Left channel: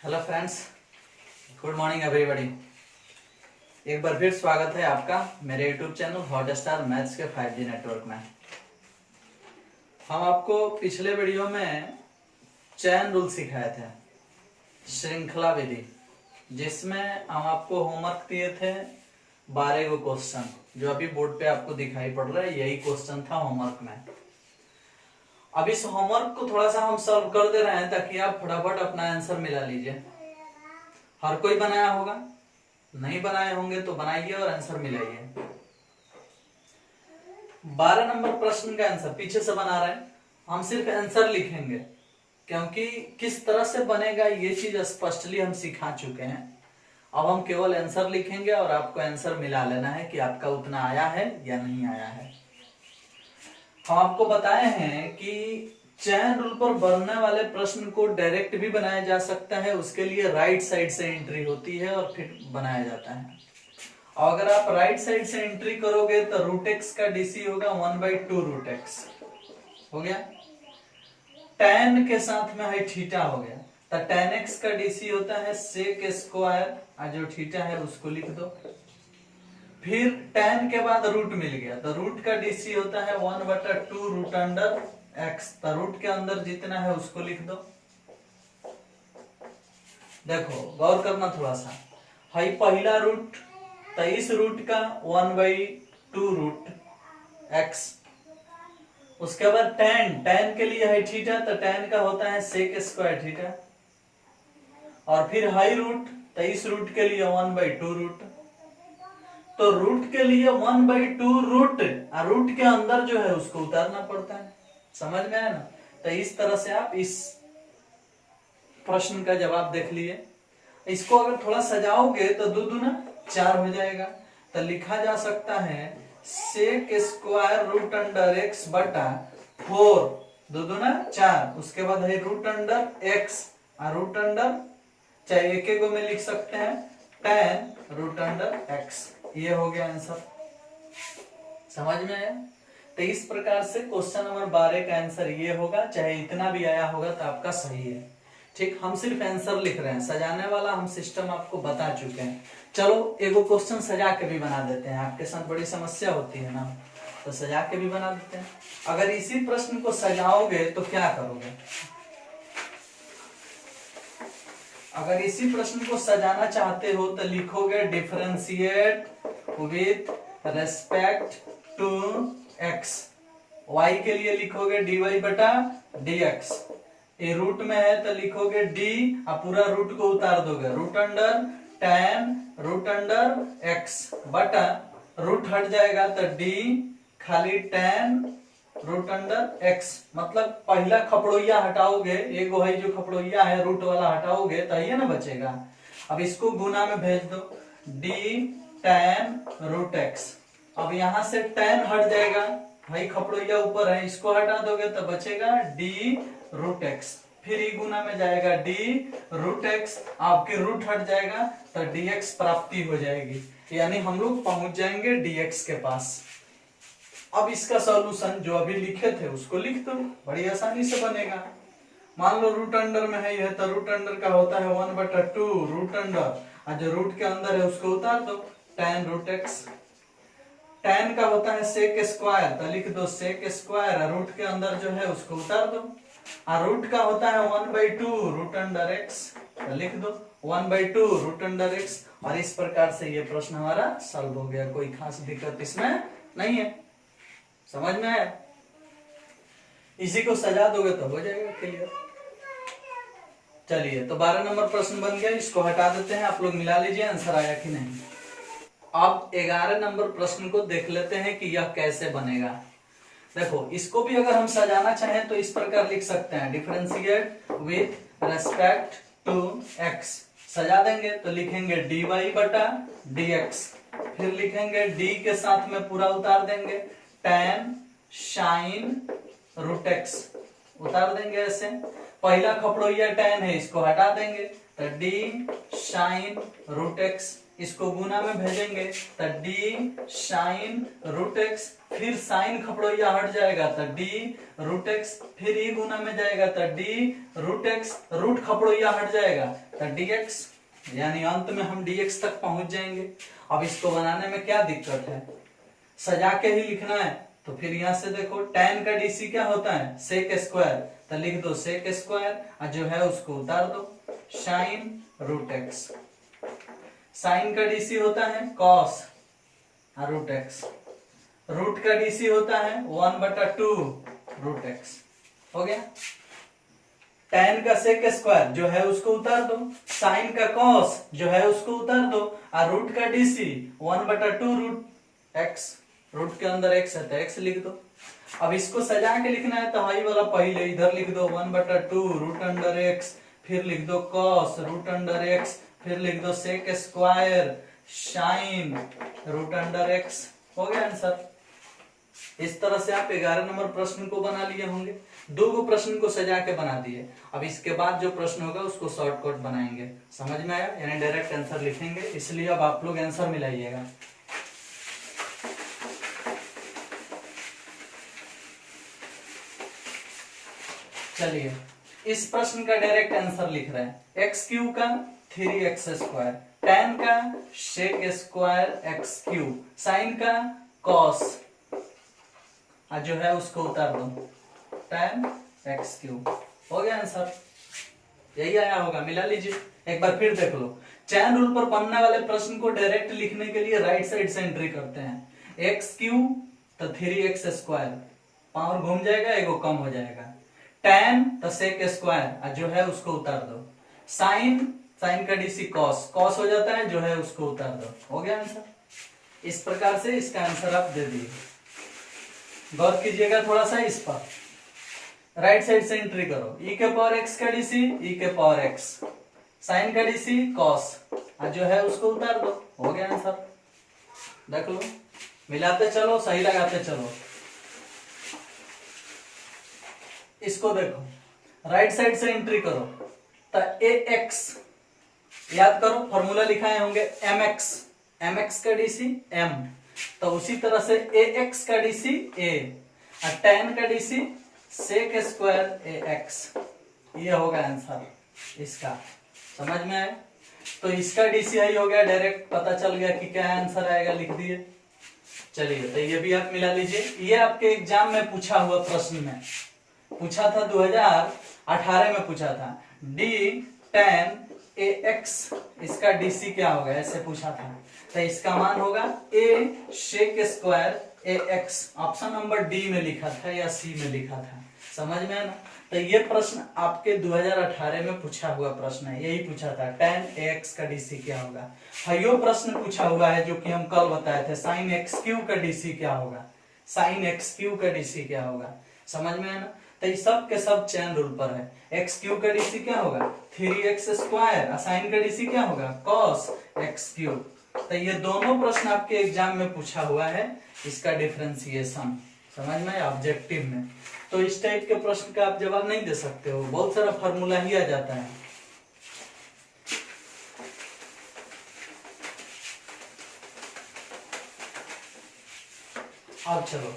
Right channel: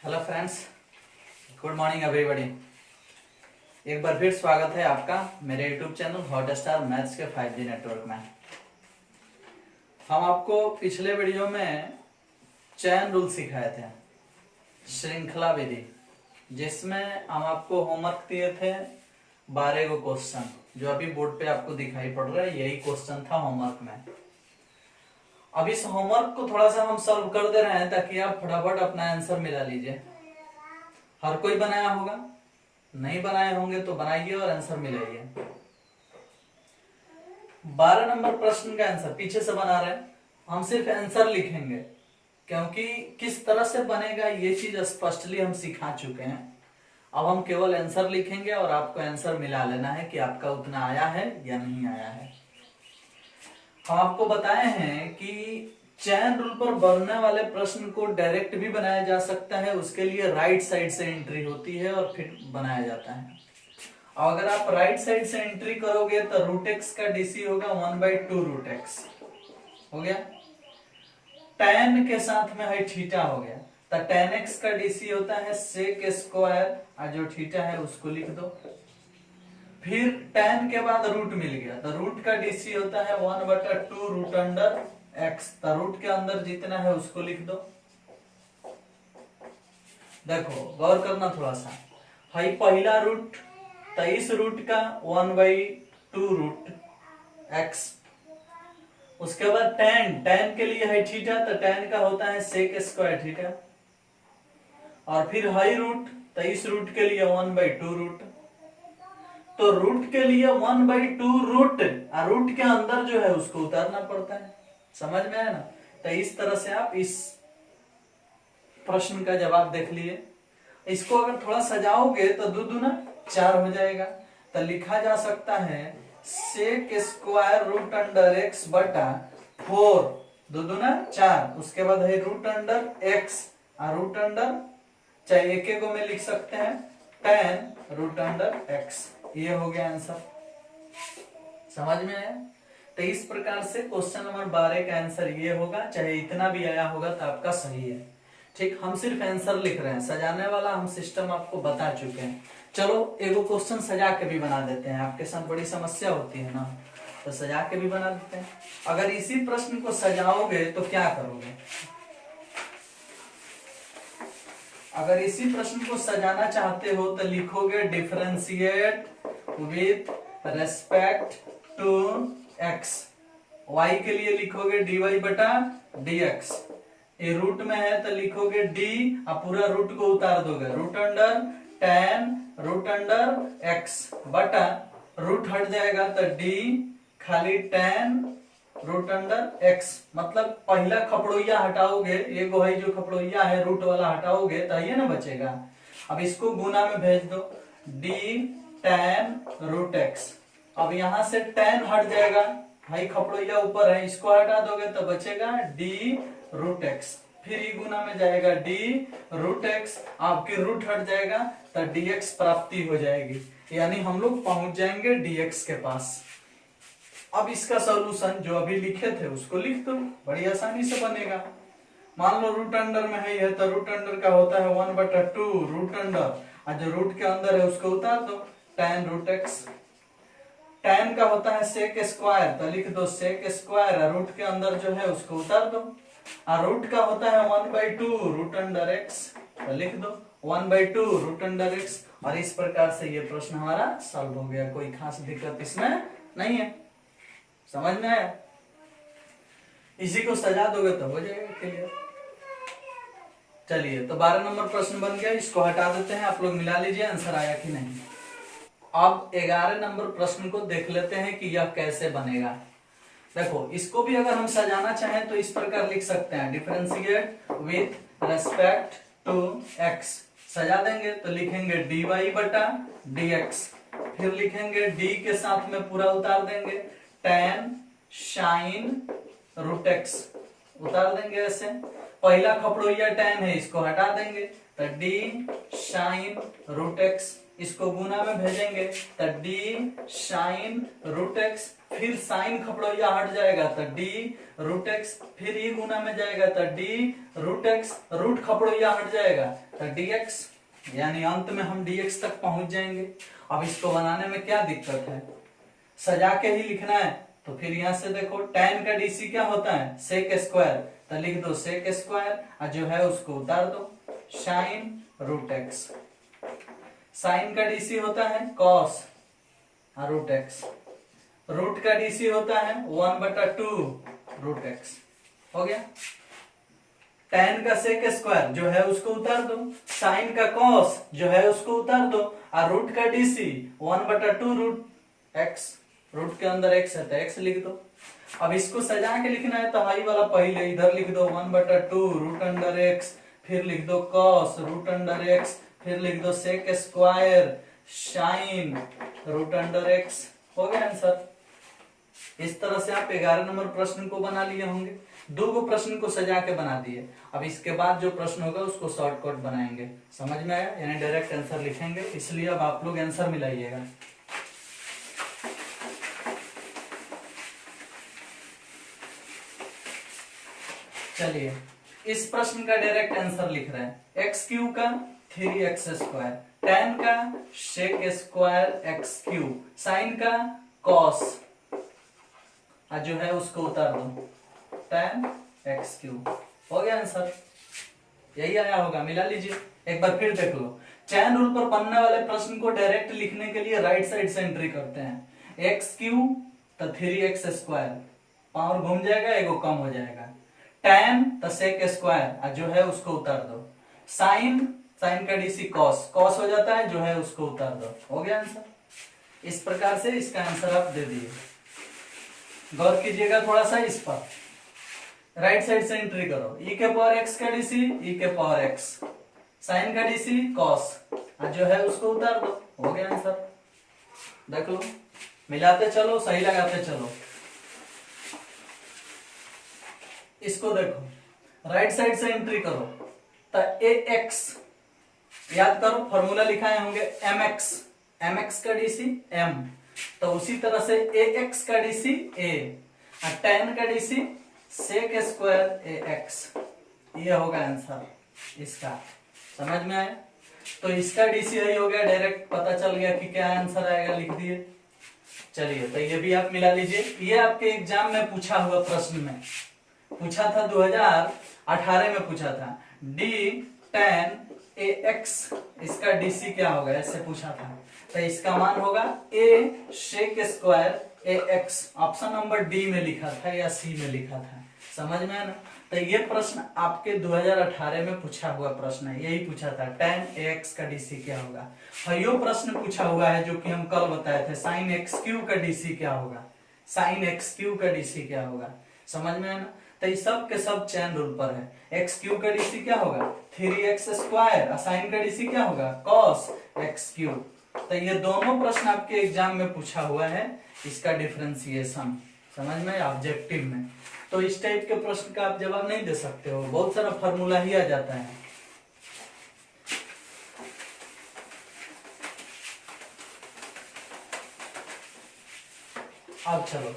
Hello friends, good morning everybody. एक बार फिर स्वागत है आपका मेरे यूट्यूब चैनल हॉटस्टार मैथ्स के 5G नेटवर्क में। हम आपको पिछले वीडियो में चैन रूल सिखाए थे, श्रृंखला विधि, जिसमें हम आपको होमवर्क दिए थे 12 को क्वेश्चन, जो अभी बोर्ड पे आपको दिखाई पड़ रहा है। यही क्वेश्चन था होमवर्क में। अब इस होमवर्क को थोड़ा सा हम सॉल्व कर दे रहे हैं ताकि आप फटाफट अपना आंसर मिला लीजिए। हर कोई बनाया होगा, नहीं बनाए होंगे तो बनाइए और आंसर मिलाइए। 12 नंबर प्रश्न का आंसर पीछे से बना रहे हैं, हम सिर्फ आंसर लिखेंगे, क्योंकि किस तरह से बनेगा ये चीज स्पष्टली हम सिखा चुके हैं। अब हम केवल आंसर लिखेंगे और आपको आंसर मिला लेना है कि आपका उतना आया है या नहीं आया है। हम आपको बताए हैं कि चैन रूल पर बनने वाले प्रश्न को डायरेक्ट भी बनाया जा सकता है, उसके लिए राइट साइड से एंट्री होती है और फिर बनाया जाता है। और अगर आप राइट साइड से एंट्री करोगे तो रूट एक्स का डीसी होगा 1/2 रूट एक्स हो गया। tan के साथ में है थीटा हो गया, तो tan x का डीसी होता है sec स्क्वायर, और जो थीटा है उसको लिख दो। फिर tan के बाद रूट मिल गया, तो रूट का डीसी होता है 1/2 रूट अंडर x, तो रूट के अंदर जितना है उसको लिख दो। देखो गौर करना थोड़ा सा, है पहला रूट, तो इस रूट का 1/2 रूट x। उसके बाद tan के लिए है थीटा, तो tan का होता है sec स्क्वायर थीटा। और फिर हाई रूट, तो इस रूट के लिए 1/2 रूट। तो रूट के लिए 1/2 रूट, और रूट के अंदर जो है उसको उतारना पड़ता है। समझ में आया ना? तो इस तरह से आप इस प्रश्न का जवाब देख लिए। इसको अगर थोड़ा सजाओगे तो 2 दूना 4 हो जाएगा, तो लिखा जा सकता है sec square root under x बटा 4, 2 दूना 4। उसके बाद है रूट अंडर x, और रूट अंडर चाहे एक को में लिख सकते हैं tan रूट अंडर x। ये हो गया आंसर। समझ में आया? तो इस प्रकार से क्वेश्चन नंबर 12 का आंसर ये होगा। चाहे इतना भी आया होगा तो आपका सही है। ठीक, हम सिर्फ आंसर लिख रहे हैं, सजाने वाला हम सिस्टम आपको बता चुके हैं। चलो एगो क्वेश्चन सजा के भी बना देते हैं, आपके साथ बड़ी समस्या होती है ना, तो सजा के भी बना देते हैं। अगर इसी प्रश्न को सजाओगे तो क्या करोगे? अगर इसी प्रश्न को सजाना चाहते हो तो लिखोगे differentiate with respect to x। y के लिए लिखोगे dy बटा dx। ये रूट में है तो लिखोगे d, और पूरा रूट को उतार दोगे, root under tan root under x बटा रूट हट जाएगा तो d खाली tan रूट अंडर x। मतलब पहला खपड़ोइया हटाओगे, एगो है जो खपड़ोइया है रूट वाला हटाओगे तो ये ना बचेगा। अब इसको गुना में भेज दो, d tan रूट x। अब यहां से tan हट जाएगा, भाई खपड़ोइया ऊपर है, इसको हटा दोगे तो बचेगा d रूट x। फिर ये गुना में जाएगा d रूट x, आपके रूट हट जाएगा तो dx प्राप्ति हो जाएगी, यानी हम लोग पहुंच जाएंगे dx के पास। अब इसका सॉल्यूशन जो अभी लिखे थे उसको लिख दो, बड़ी आसानी से बनेगा। मान लो रूट अंडर में है यह, तो रूट अंडर का होता है 1/2 रूट अंडर, और जो रूट के अंदर है उसको उतार दो, tan रूट x। tan का होता है sec स्क्वायर, तो लिख दो sec स्क्वायर, और रूट के अंदर जो है उसको उतार दो। और रूट का होता है 1/2 रूट अंडर x, तो लिख दो 1/2 रूट अंडर x। और इस प्रकार से ये प्रश्न हमारा सॉल्व हो गया, कोई खास दिक्कत इसमें नहीं है। समझ में आया? इसी को सजा दोगे तो हो जाएगा क्लियर। चलिए, तो 12 नंबर प्रश्न बन गया, इसको हटा देते हैं। आप लोग मिला लीजिए आंसर आया कि नहीं। अब 11 नंबर प्रश्न को देख लेते हैं कि यह कैसे बनेगा। देखो, इसको भी अगर हम सजाना चाहें तो इस प्रकार लिख सकते हैं, differentiate with respect to x। सजा देंगे तो लिखेंगे dy बटा dx। फिर लिखेंगे d के साथ में पूरा उतार देंगे tan साइन रूट x, उतार देंगे ऐसे। पहला खपड़ोइया tan है, इसको हटा देंगे तो d साइन रूट x। इसको गुना में भेजेंगे तो डी साइन रूट एक्स, फिर साइन खपड़ोया हट जाएगा तो डी रूट एक्स, फिर ई गुना में जाएगा तो डी रूट एक्स, रूट खपड़ोया हट जाएगा तो डी एक्स, यानी अंत में हम dx तक पहुंच जाएंगे। अब इसको बनाने में क्या दिक्कत है, सजा के ही लिखना है। तो फिर यहां से देखो tan का डीसी क्या होता है सेक स्क्वायर, तो लिख दो सेक स्क्वायर और जो है उसको उतार दो साइन रूट एक्स। साइन का डीसी होता है कॉस रूट एक्स, रूट का डीसी होता है 1/2 रूट एक्स। हो गया। tan का सेक स्क्वायर जो है उसको उतार दो, साइन का कॉस जो है उसको उतार दो, और रूट का डीसी 1/2 रूट एक्स, रूट के अंदर एक्स है तो एक्स लिख दो। अब इसको सजा के लिखना है तो हाई वाला पहले इधर लिख दो 1/2 रूट अंडर एक्स, फिर लिख दो कॉस रूट अंडर एक्स, फिर लिख दो sec square sine root under x. हो गया आंसर। इस तरह से आप 11 नंबर प्रश्न को बना लिए होंगे। 2 प्रश्न को सजा के बना दिए। अब इसके बाद जो प्रश्न होगा उसको शॉर्टकट बनाएंगे। समझ में आया? यानी डायरेक्ट आंसर लिखेंगे, इसलिए अब आप लोग आंसर मिलाइएगा। चलिए इस प्रश्न का डायरेक्ट आंसर लिख रहे हैं। एक्स क्यू का 3x स्क्वायर, tan का sec square x Q, sine का कॉस जो है उसको उतार दो tan एक्स क्यू। हो गया आंसर, यही आया होगा। मिला लीजिए एक बार फिर देख लो। चैन रूल पर बनने वाले प्रश्न को डायरेक्ट लिखने के लिए राइट साइड से एंट्री करते हैं। एक्स क्यू तो 3x स्क्वायर, पावर घूम जाएगा, एगो कम हो जाएगा। tan तो सेक स्क्वायर जो है उसको उतार दो, साइन, साइन का डीसी कॉस, कॉस हो जाता है जो है उसको उतार दो। हो गया आंसर। इस प्रकार से इसका आंसर आप दे दिए। गौर कीजिएगा थोड़ा सा इस पर। राइट साइड से एंट्री करो। e के पावर x का डीसी e के पावर x, साइन का डीसी कॉस जो है उसको उतार दो। हो गया आंसर। देख लो, मिलाते चलो, सही लगाते चलो। इसको देखो, राइट साइड से एंट्री करो तो ax, याद करो फॉर्मूला लिखाए होंगे mx, mx का डीसी m, तो उसी तरह से ax का डीसी a और tan का डीसी सेक स्क्वायर ax। ये होगा आंसर इसका। समझ में आया? तो इसका डीसी ही हो गया, डायरेक्ट पता चल गया कि क्या आंसर आएगा, लिख दिए। चलिए तो ये भी आप मिला लीजिए। ये आपके एग्जाम में पूछा हुआ प्रश्न में पूछा था, 2018 में पूछा था। d tan ax, इसका डीसी क्या होगा ऐसे पूछा था। तो इसका मान होगा a sec square ax। Option number D में लिखा था या सी में लिखा था। समझ में है ना? तो ये प्रश्न आपके 2018 में पूछा हुआ प्रश्न है। यही पूछा था tan ax का डीसी क्या होगा। यो प्रश्न पूछा हुआ है जो कि हम कल बताए थे, sin x क्यू का डीसी क्या होगा, sin x क्यू का डीसी क्या होगा। समझ में है ना? तो ये सब के सब चैन रूल पर है। एक्स क्यू का डीसी क्या होगा 3x स्क्वायर, साइन का डीसी क्या होगा cos x क्यू। तो ये दोनों प्रश्न आपके एग्जाम में पूछा हुआ है, इसका डिफरेंशिएशन। समझ में? ऑब्जेक्टिव में तो इस टाइप के प्रश्न का आप जवाब नहीं दे सकते हो, बहुत सारा फॉर्मूला ही आ जाता है। अब चलो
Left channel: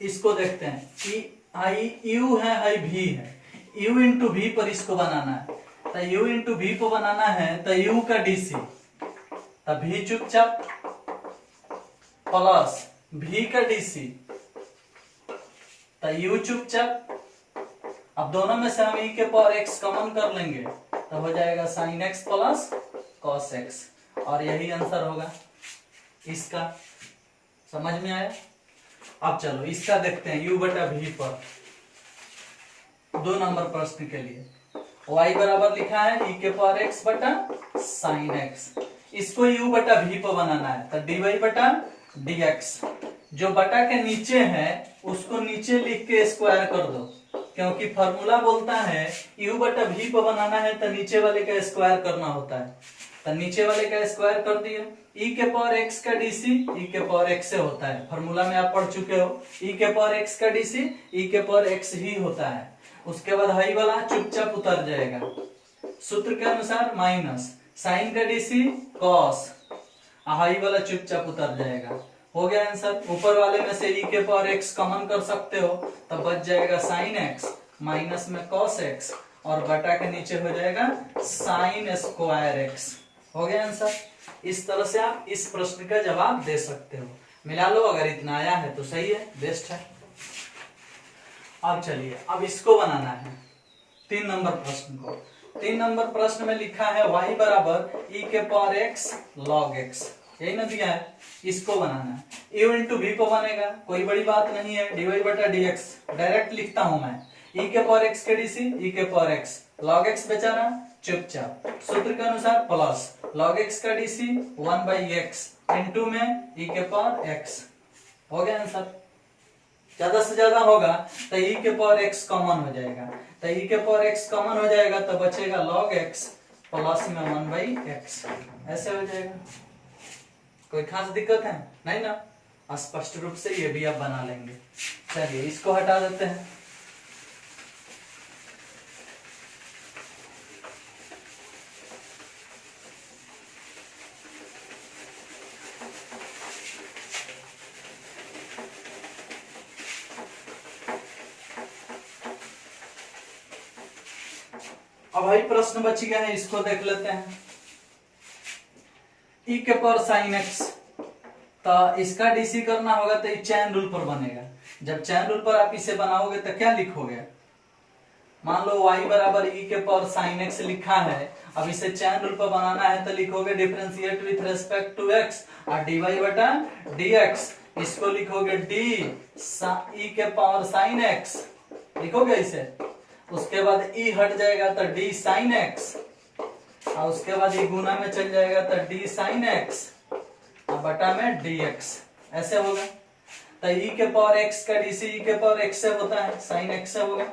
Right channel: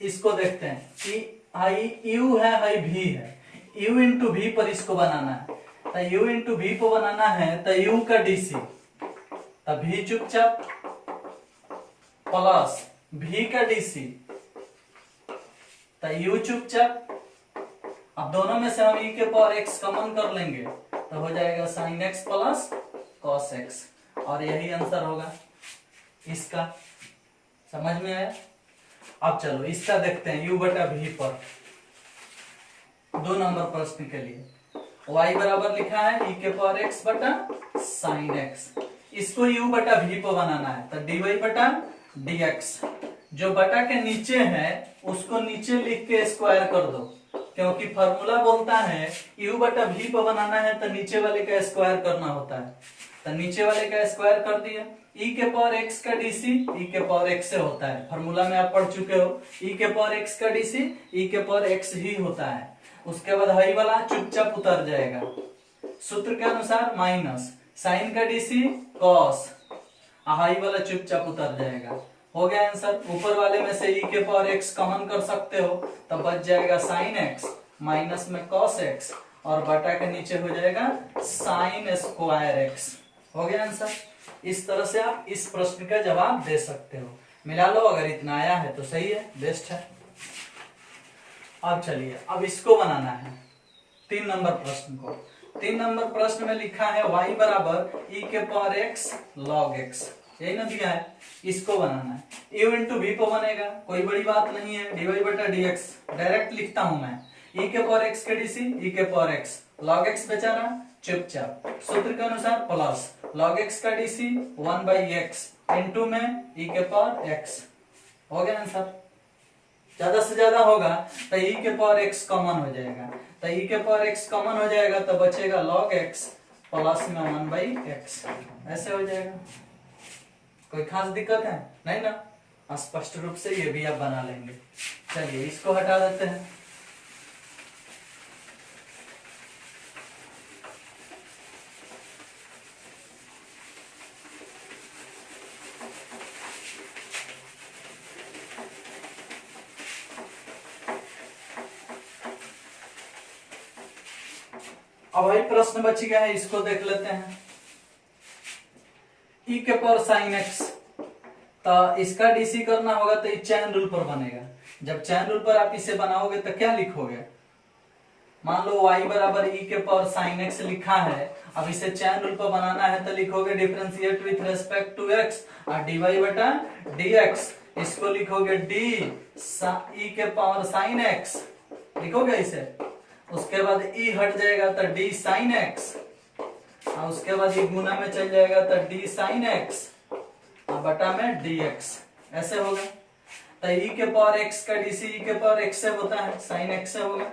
इसको देखते हैं कि आई यू है, हाई भी है, u इंटू भी पर इसको बनाना है। तो u इंटू भी को बनाना है तो u का डीसी, तो भी चुपचाप प्लस v का डीसी, तो u चुपचाप। अब दोनों में से हम e के पावर x कॉमन कर लेंगे तो हो जाएगा sin x plus cos x, और यही आंसर होगा इसका। समझ में आया? अब चलो इसका देखते हैं u बटा v पर। 2 नंबर प्रश्न के लिए y बराबर लिखा है e के पावर x बटा sin x। इसको u बटा v पर बनाना है तो dy बटा dx। जो बटा के नीचे है उसको नीचे लिख के स्क्वायर कर दो, क्योंकि फॉर्मूला बोलता है u बटा v पर बनाना है तो नीचे वाले का स्क्वायर करना होता है। तो नीचे वाले का स्क्वायर कर दिया। e के पावर x का डीसी e के पावर x से होता है, फॉर्मूला में आप पढ़ चुके हो। e के पावर x का डीसी e के पावर x ही होता है। उसके बाद हाई वाला चुपचाप उतर जाएगा। सूत्र के अनुसार माइनस साइन का डीसी कॉस, हाई वाला चुपचाप उतर जाएगा। हो गया आंसर। ऊपर वाले में से e के पावर x कॉमन कर सकते हो, तब बच जाएगा साइन x माइनस में कॉस x और बटा के नीचे हो जाएगा साइन स्क्वायर x। हो गया आंसर। इस तरह से आप इस प्रश्न का जवाब दे सकते हो। मिला लो, अगर इतना आया है तो सही है, बेस्ट है। अब चलिए, अब इसको बनाना है 3 नंबर प्रश्न को। 3 नंबर प्रश्न में लिखा है y बराबर e के पावर x log x, यही ना दिया है, इसको बनाना है। u इंटू v पे बनेगा, कोई बड़ी बात नहीं है, dy बटा dx डायरेक्ट लिखता हूं मैं। e के पावर x के डीसी e के पावर x log x बेचारा चुपचाप सूत्र के अनुसार प्लस log x का डीसी 1/x इंटू में e के पावर x। हो गया आंसर। ज्यादा से ज्यादा होगा तो e के पावर x कॉमन हो जाएगा, तो e के पावर x कॉमन हो जाएगा तो बचेगा log x प्लस में 1/x, ऐसे हो जाएगा। कोई खास दिक्कत है नहीं ना? स्पष्ट रूप से ये भी आप बना लेंगे। चलिए इसको हटा देते हैं। अब भाई प्रश्न बच गया है, इसको देख लेते हैं। e के पावर साइन x, तो इसका डीसी करना होगा तो ये चैन रूल पर बनेगा। जब चैन रूल पर आप इसे बनाओगे तो क्या लिखोगे? मान लो y बराबर e के पावर साइन x लिखा है, अब इसे चैन रूल पर बनाना है तो लिखोगे differentiate with respect to x और dy बटा dx, इसको लिखोगे d e के पावर साइन x लिखोगे इसे। उसके बाद e हट जाएगा तो d साइन x, और उसके बाद ये गुना में चल जाएगा तो d साइन x और बटा में dx, ऐसे होगा। तो e के पावर x का डीसी e के पावर x से होता है, साइन x से होगा,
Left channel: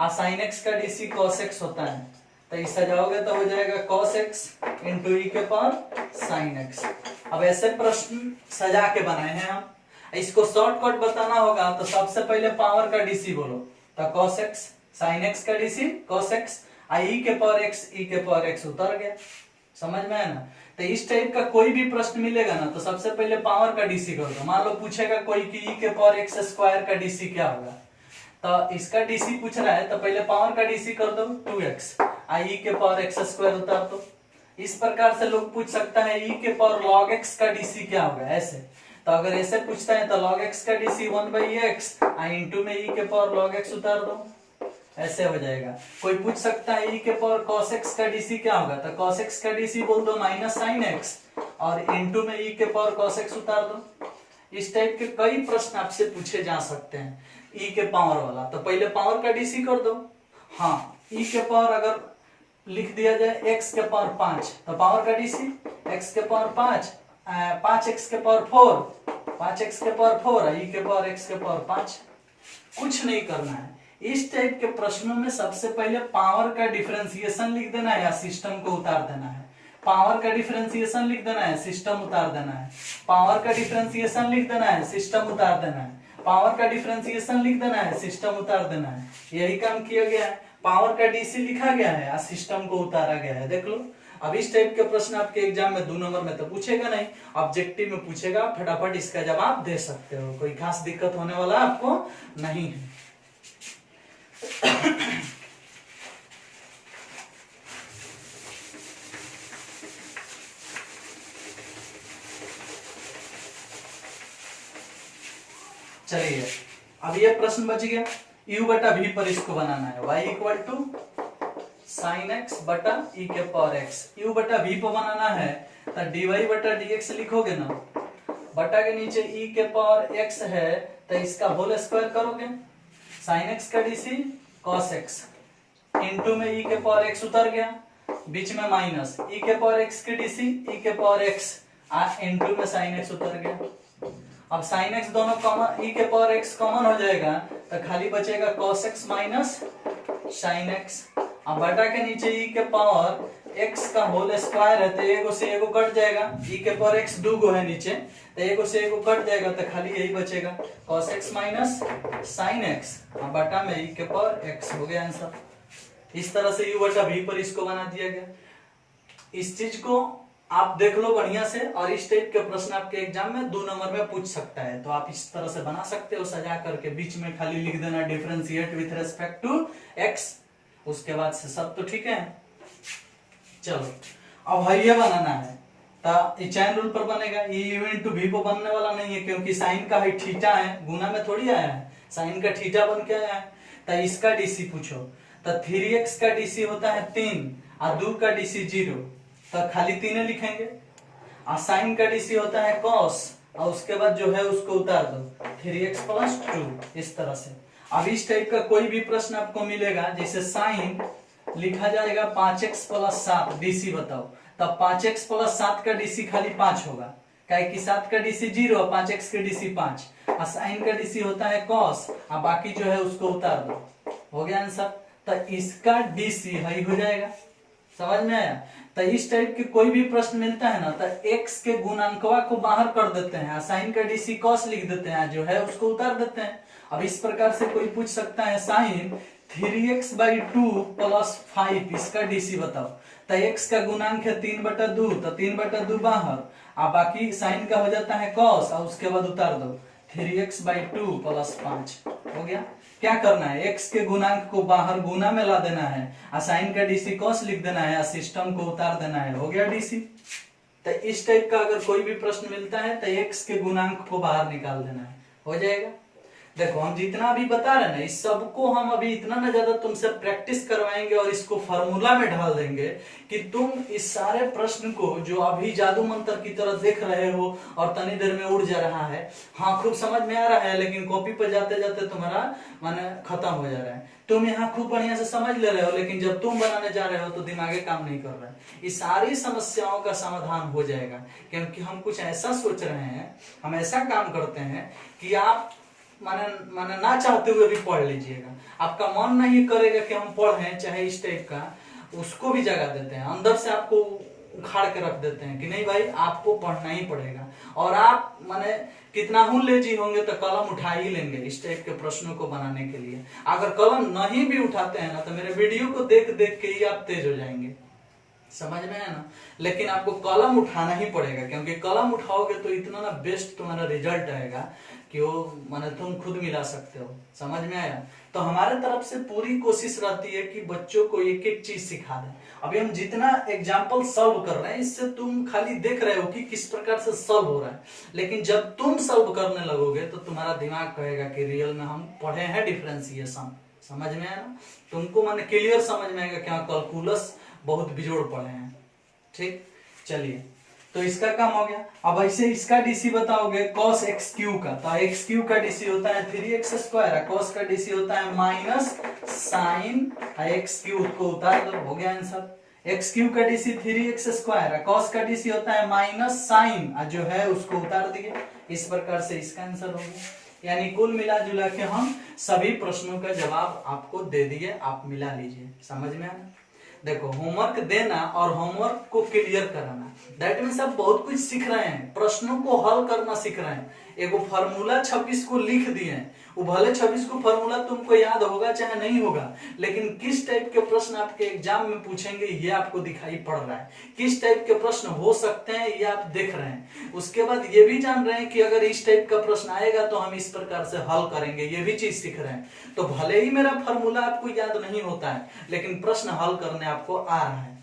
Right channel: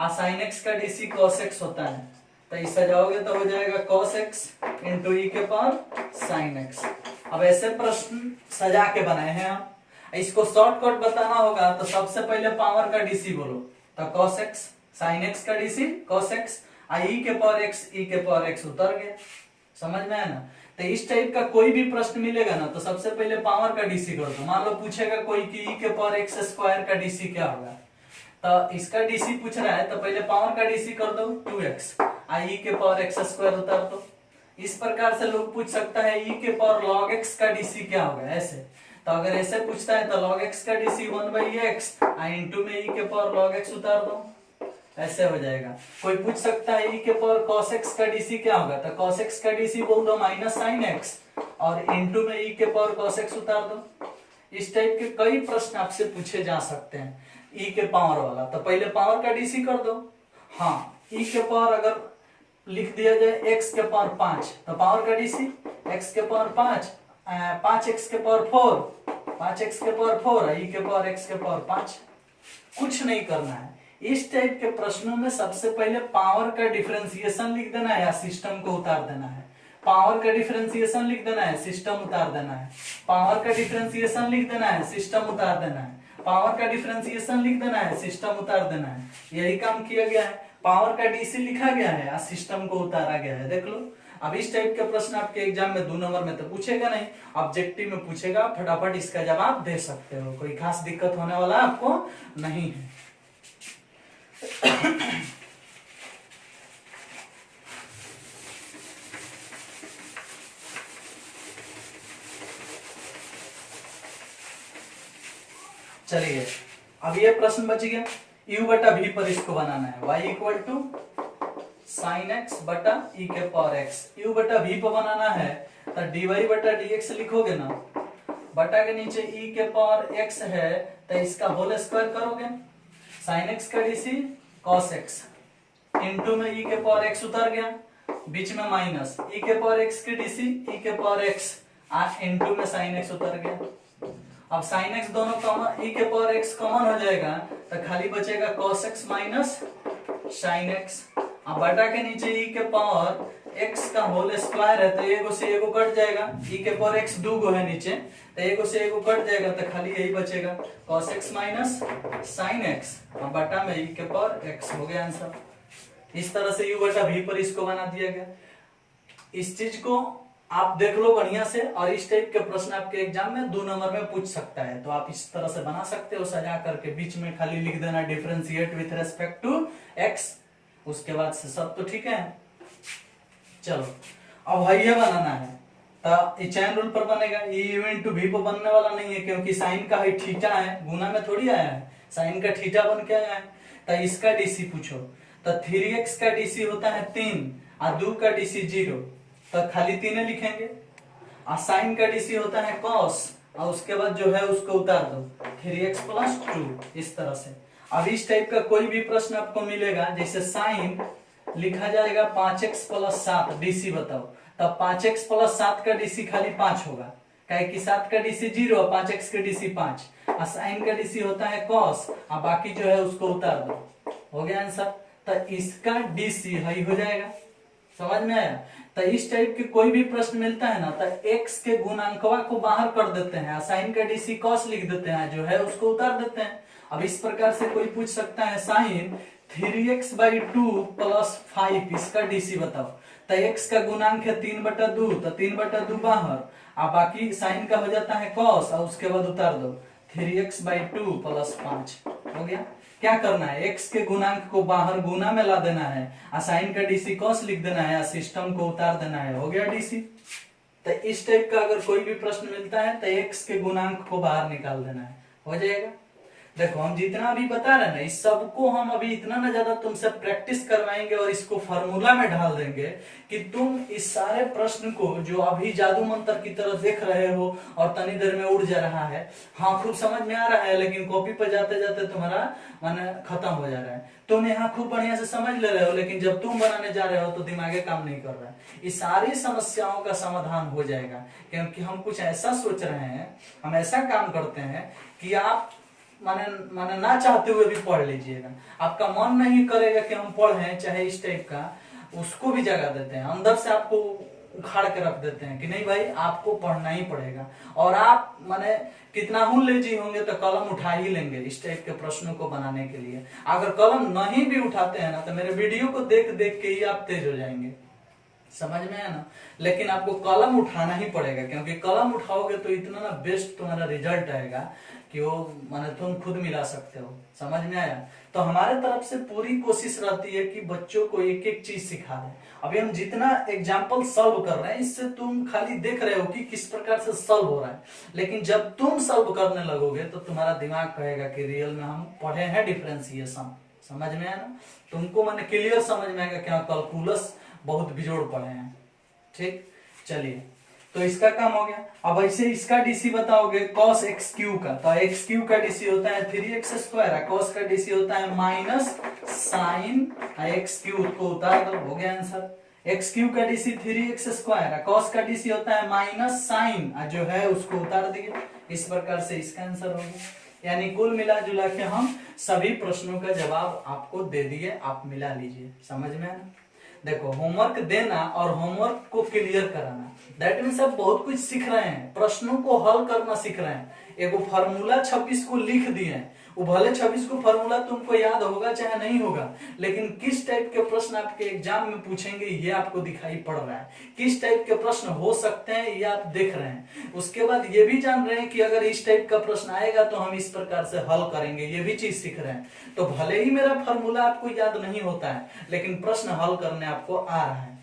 और साइन x का डीसी cos x होता है, तो इस सजाओगे तो हो जाएगा cos x इंटू e के पावर साइन x। अब ऐसे प्रश्न सजा के बनाए हैं हम, इसको शॉर्टकट बताना होगा तो सबसे पहले पावर का डीसी बोलो, तो cos x साइन x का डीसी cos x, e के पावर x उतर गया। समझ में है ना? तो इस टाइप का कोई भी प्रश्न मिलेगा ना तो सबसे पहले पावर का डीसी कर दो। मान लो पूछेगा कोई कि e के पावर x स्क्वायर का डीसी क्या होगा, तो इसका डीसी पूछ रहा है तो पहले पावर का डीसी कर दो 2x, e के पावर x स्क्वायर उतार दो। इस प्रकार से लोग पूछ सकता है e के पावर log x का डीसी क्या होगा, ऐसे। तो अगर ऐसे पूछता है तो log x का डीसी 1/x इंटू में e के पावर log x उतार दो, ऐसे हो जाएगा। कोई पूछ सकता है e के पावर cos x का डीसी क्या होगा, तो cos x का डीसी बोल दो माइनस साइन x और इंटू में e के पावर cos x उतार दो। इस टाइप के कई प्रश्न आपसे पूछे जा सकते हैं e के पावर वाला, तो पहले पावर का डीसी कर दो। हाँ, e के पावर अगर लिख दिया जाए x के पावर 5 तो पावर का डीसी x के पावर 5 5x के पावर 4 5x के पावर 4 e के पावर x के पावर 5। कुछ नहीं करना है। इस टाइप के प्रश्नों में सबसे पहले पावर का डिफरेंशिएशन लिख देना है या सिस्टम को उतार देना है। पावर का डिफरेंशिएशन लिख देना है, सिस्टम उतार देना है। पावर का डिफरेंशिएशन लिख देना है, सिस्टम उतार देना है। पावर का डिफरेंशिएशन लिख देना है, सिस्टम उतार देना है। यही काम किया गया है। पावर का डीसी लिखा गया है और सिस्टम को उतारा गया है। देख लो, अब इस टाइप के प्रश्न आपके एग्जाम में 2 नंबर में तो पूछेगा नहीं, ऑब्जेक्टिव में पूछेगा, फटाफट इसका जवाब दे सकते हो। कोई खास दिक्कत होने वाला आपको नहीं है। चलिए, अब ये प्रश्न बच गया। u बटा v पर इसको बनाना है, y equal to sine x बटा e के पावर x। u बटा v पर बनाना है तो dy बटा dx लिखोगे ना, बटा के नीचे e के पावर x है तो इसका होल स्क्वायर करोगे, साइन x का डीसी cos x इंटू में e के पावर x उतर गया, बीच में माइनस e के पावर x के डीसी e के पावर x इंटू में साइन x उतर गया। अब साइन x दोनों कॉमन, e के पावर x कॉमन हो जाएगा तो खाली बचेगा cos x minus sine x। अब बटा के नीचे e के पावर x का होल स्क्वायर है तो एगो से एगो कट जाएगा, e के पावर x 2 गो है नीचे तो एगो से एगो कट जाएगा तो खाली यही बचेगा cos x minus sine x और बटा में e के पावर x। हो गया आंसर। इस तरह से u बटा v पर इसको बना दिया गया। इस चीज को आप देख लो बढ़िया से, और इस टाइप के प्रश्न आपके एग्जाम में 2 नंबर में पूछ सकता है। तो आप इस तरह से बना सकते हो सजा करके, बीच में खाली लिख देना differentiate with respect to x, उसके बाद से सब तो ठीक है। चलो अब है ये बनाना है, तो चैन रूल पर बनेगा, ई यू इंटू वी पर बनने वाला नहीं है, क्योंकि साइन का है थीटा है, गुना में थोड़ी आया है, साइन का थीटा बन के आया है। तो इसका डीसी पूछो, तो 3x का डीसी होता है 3 और 2 का डीसी 0, तो खाली 3 लिखेंगे। और साइन का डीसी होता है cos, और उसके बाद जो है उसको उतार दो 3x प्लस 2, इस तरह से। अब इस टाइप का कोई भी प्रश्न आपको मिलेगा, जैसे साइन लिखा जाएगा 5x प्लस 7, डीसी बताओ, तब 5x प्लस 7 का डीसी खाली 5 होगा, काहे कि 7 का डीसी 0, 5x का डीसी 5, और साइन का डीसी होता है cos, और बाकी जो है उसको उतार दो, हो गया आंसर। तो इसका डीसी वही हो जाएगा, समझ में आया। तो इस टाइप के कोई भी प्रश्न मिलता है ना, तो x के गुणांकवा को बाहर कर देते हैं, साइन का डीसी cos लिख देते हैं, जो है उसको उतार देते हैं। अब इस प्रकार से कोई पूछ सकता है साइन 3x/2 प्लस 5, इसका डीसी बताओ। तो x का गुणांक है 3/2, तो 3/2 बाहर, और बाकी साइन का हो जाता है cos, और उसके बाद उतार दो 3x/2 प्लस 5, हो गया। क्या करना है, x के गुणांक को बाहर गुना में ला देना है, और साइन का डीसी cos लिख देना है, और सिस्टम को उतार देना है, हो गया डीसी। तो इस टाइप का अगर कोई भी प्रश्न मिलता है तो x के गुणांक को बाहर निकाल देना है, हो जाएगा। देखो हम जितना अभी बता रहे हैं ना, इस सबको हम अभी इतना ना ज्यादा तुमसे प्रैक्टिस करवाएंगे और इसको फार्मूला में ढाल देंगे कि तुम इस सारे प्रश्न को जो अभी जादू मंत्र की तरह देख रहे हो और तनी देर में उड़ जा रहा है, हाँ खूब समझ में आ रहा है, लेकिन कॉपी पर जाते जाते तुम्हारा माने खत्म हो जा रहा है। तुम यहाँ खूब बढ़िया से समझ ले रहे हो, लेकिन जब तुम बनाने जा रहे हो तो दिमागे काम नहीं कर रहा है। इस सारी समस्याओं का समाधान हो जाएगा, क्योंकि हम कुछ ऐसा सोच रहे हैं, हम ऐसा काम करते हैं कि आप माने ना चाहते हुए भी पढ़ लीजिएगा। आपका मन नहीं करेगा कि हम पढ़ें, चाहे इस टाइप का, उसको भी जगह देते हैं, अंदर से आपको उखाड़ के रख देते हैं कि नहीं भाई आपको पढ़ना ही पड़ेगा। और आप माने कितना हूं लेजी होंगे तो कलम उठा ही लेंगे इस टाइप के प्रश्नों को बनाने के लिए। अगर कलम नहीं भी उठाते हैं ना, तो मेरे वीडियो को देख देख के ही आप तेज हो जाएंगे, समझ में आया ना। लेकिन आपको कलम उठाना ही पड़ेगा, क्योंकि कलम उठाओगे तो इतना ना बेस्ट तुम्हारा रिजल्ट आएगा कि वो माने तुम खुद मिला सकते हो, समझ में आया। तो हमारे तरफ से पूरी कोशिश रहती है कि बच्चों को एक एक चीज सिखा दें। अभी हम जितना एग्जाम्पल सॉल्व कर रहे हैं, इससे तुम खाली देख रहे हो कि किस प्रकार से सॉल्व हो रहा है, लेकिन जब तुम सॉल्व करने लगोगे तो तुम्हारा दिमाग कहेगा कि रियल में हम पढ़े हैं डिफरेंशिएशन, समझ में आया ना। तुमको माने क्लियर समझ में आएगा क्या कैलकुलस बहुत बिजोड़ पढ़े हैं, ठीक। चलिए तो इसका काम हो गया। अब ऐसे इसका डीसी बताओगे cos x³ का, तो x³ का डीसी होता है 3x², cos का डीसी होता है माइनस साइन x³ को उतार दो, हो गया आंसर। x³ का डीसी 3x², cos का डीसी होता है माइनस साइन, जो है उसको उतार दिए। इस प्रकार से इसका आंसर हो गया। यानी कुल मिला जुला के हम सभी प्रश्नों का जवाब आपको दे दिए, आप मिला लीजिए, समझ में आना। देखो होमवर्क देना और होमवर्क को क्लियर कराना, दैट मीन्स आप बहुत कुछ सीख रहे हैं, प्रश्नों को हल करना सीख रहे हैं। एगो फार्मूला 26 को लिख दिए, वो भले 26 को फार्मूला तुमको याद होगा चाहे नहीं होगा, लेकिन किस टाइप के प्रश्न आपके एग्जाम में पूछेंगे ये आपको दिखाई पड़ रहा है, किस टाइप के प्रश्न हो सकते हैं ये आप देख रहे हैं। उसके बाद ये भी जान रहे हैं कि अगर इस टाइप का प्रश्न आएगा तो हम इस प्रकार से हल करेंगे, ये भी चीज सीख रहे हैं। तो भले ही मेरा फार्मूला आपको याद नहीं होता है, लेकिन प्रश्न हल करने आपको आ रहा है।